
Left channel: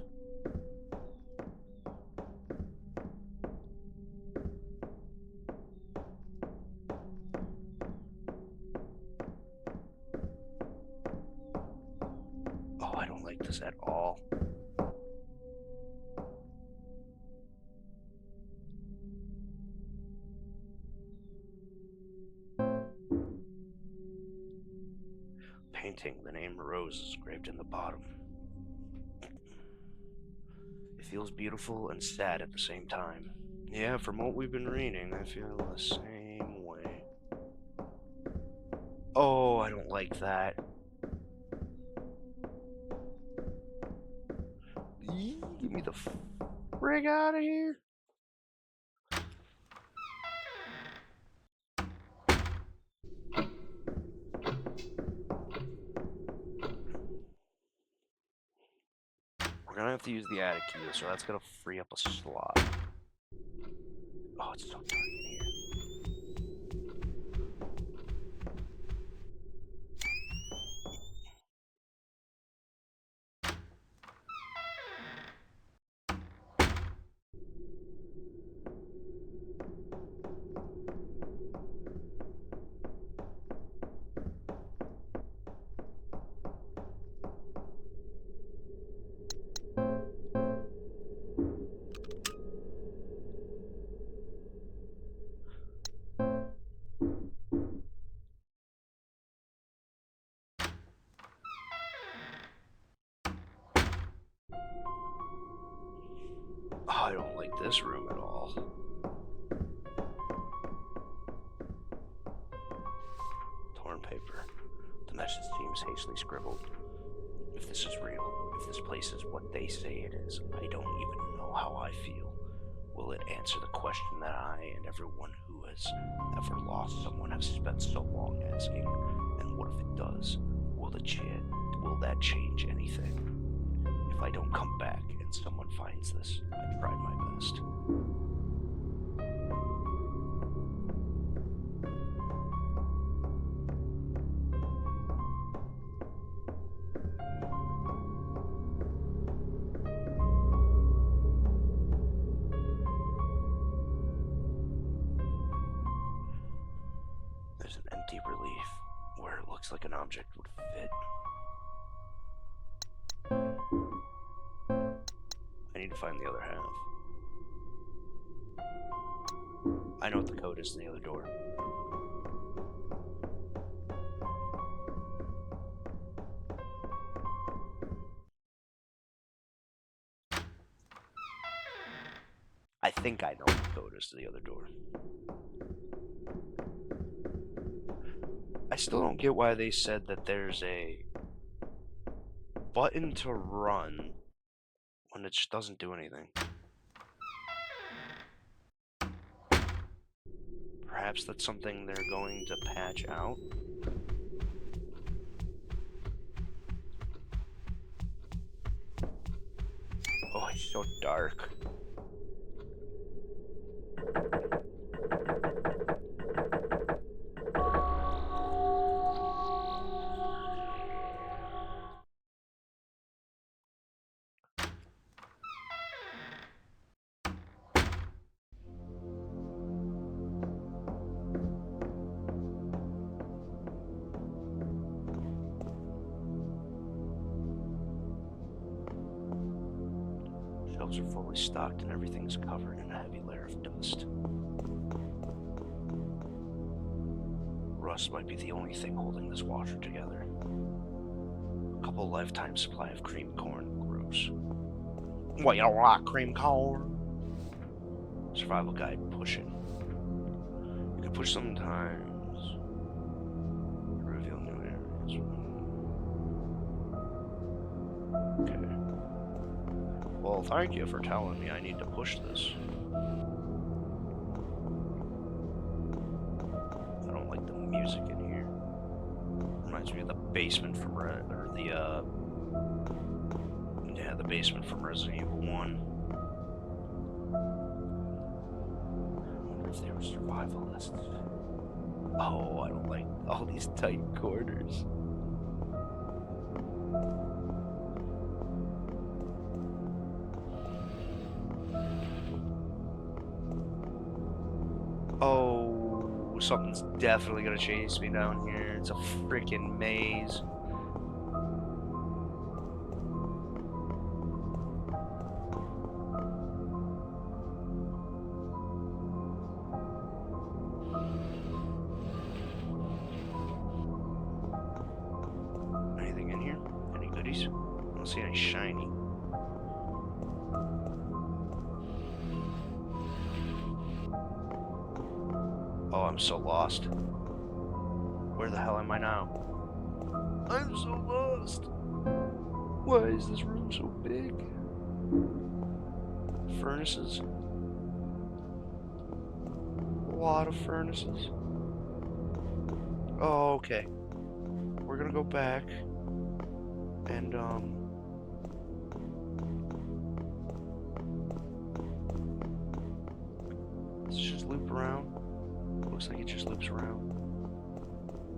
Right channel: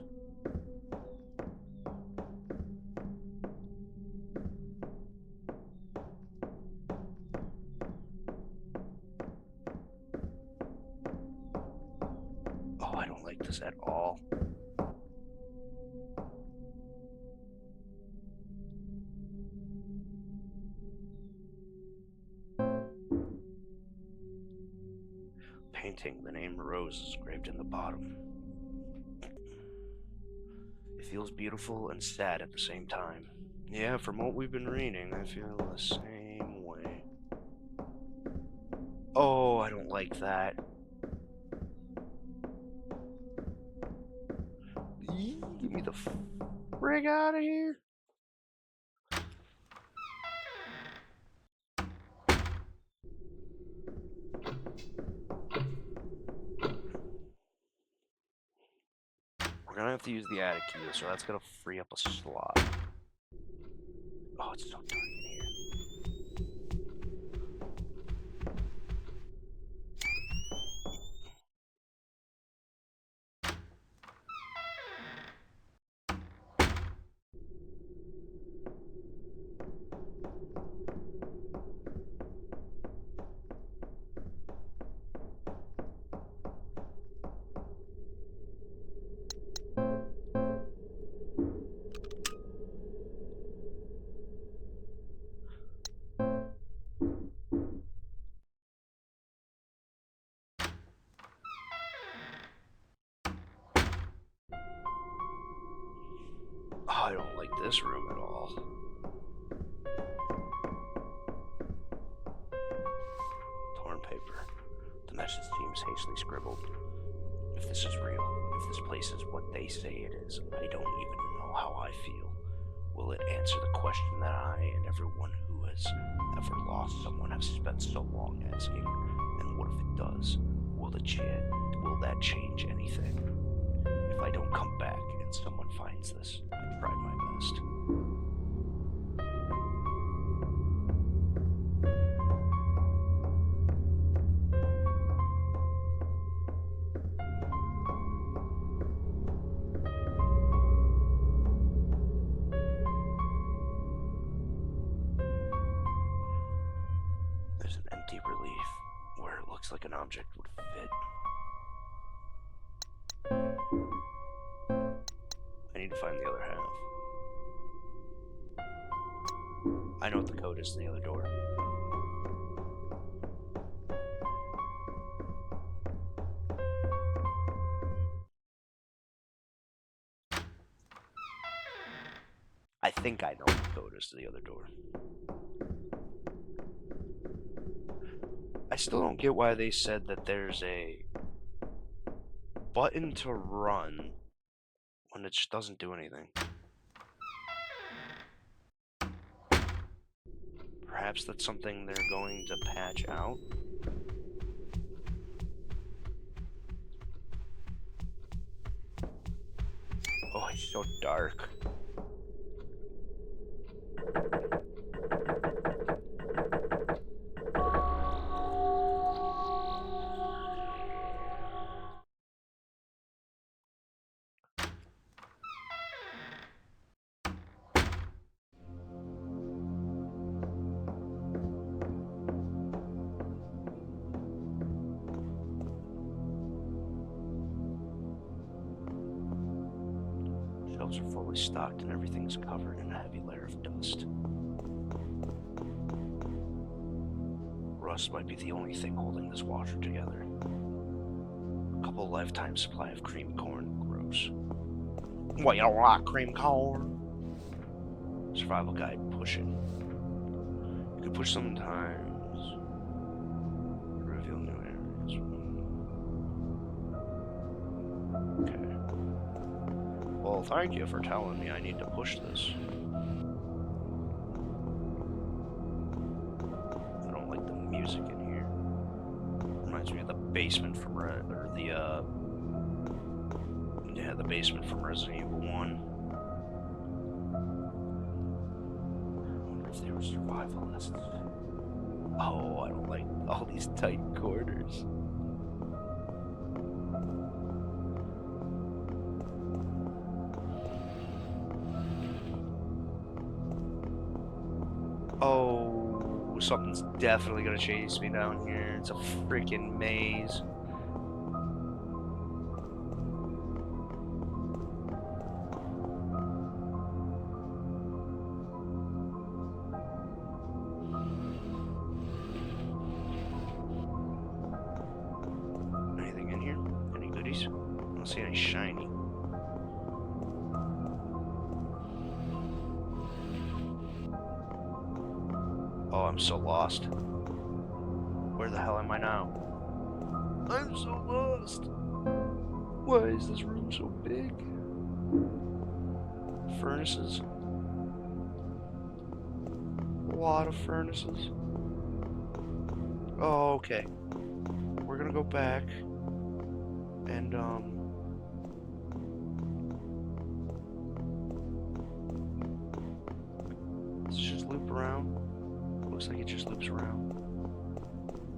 Oh, I don't like this at all. Painting, the name Rose is engraved in the bottom. It feels beautiful and sad at the same time. Yeah, from what we've been reading, I feel the same way. Oh, I don't like that. Yee, get me the frig out of here. We're gonna have to use the attic key, so that's gonna free up a slot. Oh, it's so dark in here. Oh, I don't like this room at all. Torn paper. The message seems hastily scribbled. If this is real, if this place is what they say it is, I don't even know how I feel. Will it answer the question that I and everyone who has ever lost someone have spent so long asking? And what if it does? Will that change anything? If I don't come back and someone finds this, I tried my best. There's an empty relief where it looks like an object would fit. to find the other half. I know what the code is to the other door. I think I know what the code is to the other door. I still don't get why they said that there's a button to run when it just doesn't do anything. Perhaps that's something they're going to patch out. Oh, it's so dark. Shelves are fully stocked and everything's covered in a heavy layer of dust. Rust might be the only thing holding this washer together. A couple lifetime supply of cream corn. Gross. What, you don't like cream corn? Survival guide pushing. You can push sometimes. Reveal new areas. Okay. Well, thank you for telling me I need to push this. I don't like the music in here. Reminds me of the basement from the basement from Resident Evil 1. I wonder if they were survivalists. Oh, I don't like all these tight corners. Oh, something's definitely gonna chase me down here. It's a freaking maze. Anything in here? Any goodies? I don't see any shiny. Oh, I'm so lost. Where the hell am I now? I'm so lost. Why is this room so big? Furnaces. A lot of furnaces. Oh, okay. We're gonna go back and let's just loop around. Looks like it just loops around.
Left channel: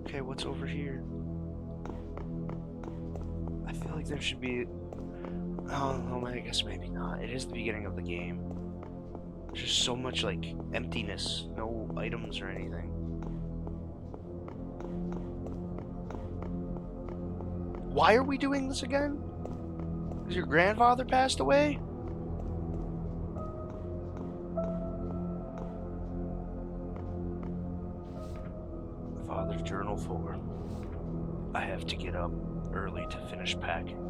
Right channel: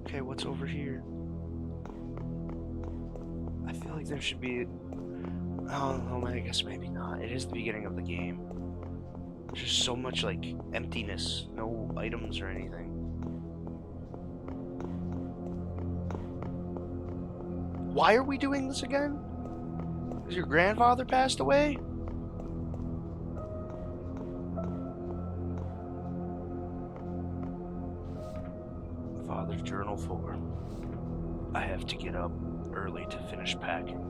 Okay, what's over here? I feel like there should be... Oh, no, I guess maybe not. It is the beginning of the game. There's just so much, like, emptiness. No items or anything. Why are we doing this again? Because your grandfather passed away? Father's Journal 4. I have to get up early to finish packing,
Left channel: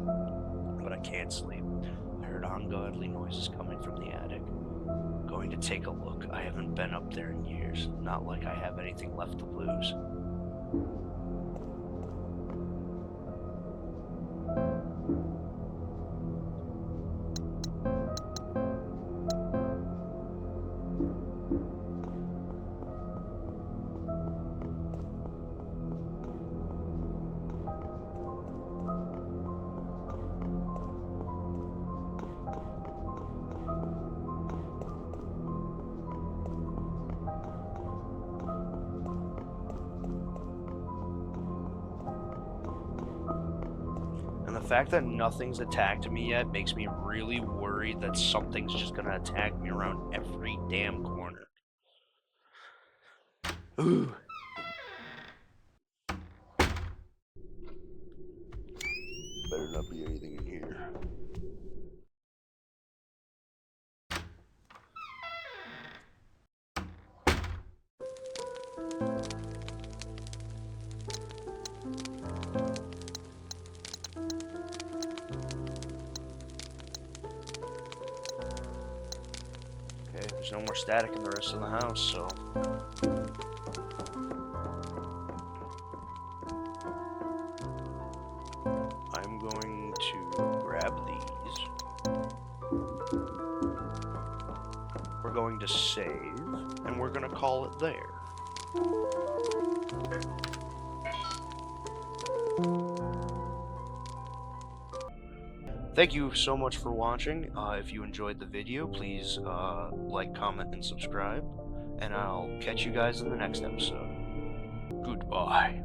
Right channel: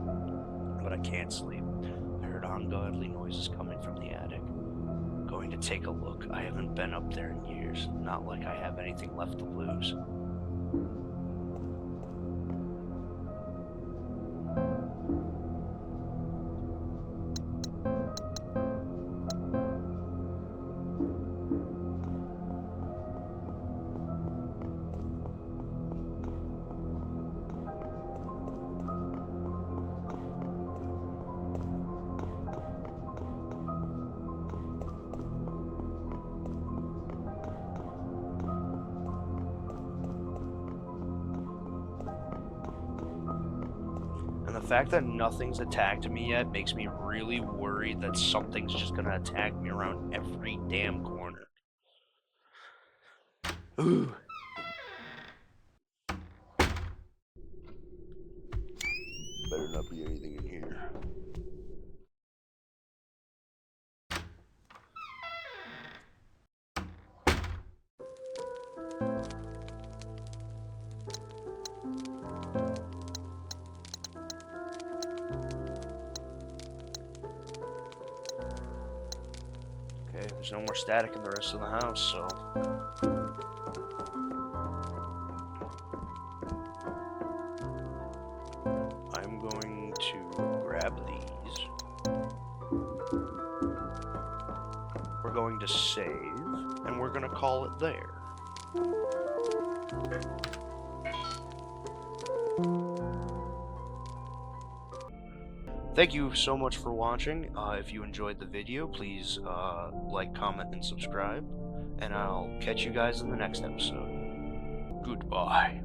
but I can't sleep. I heard ungodly noises coming from the attic. Going to take a look. I haven't been up there in years. Not like I have anything left to lose. And the fact that nothing's attacked me yet makes me really worried that something's just gonna attack me around every damn corner. Ooh. Better not be anything in here. Okay, there's no more static in the rest of the house, so... I'm going to grab these. We're going to save, and we're going to call it there. Thank you so much for watching. If you enjoyed the video, please like, comment, and subscribe. And I'll catch you guys in the next episode. Goodbye.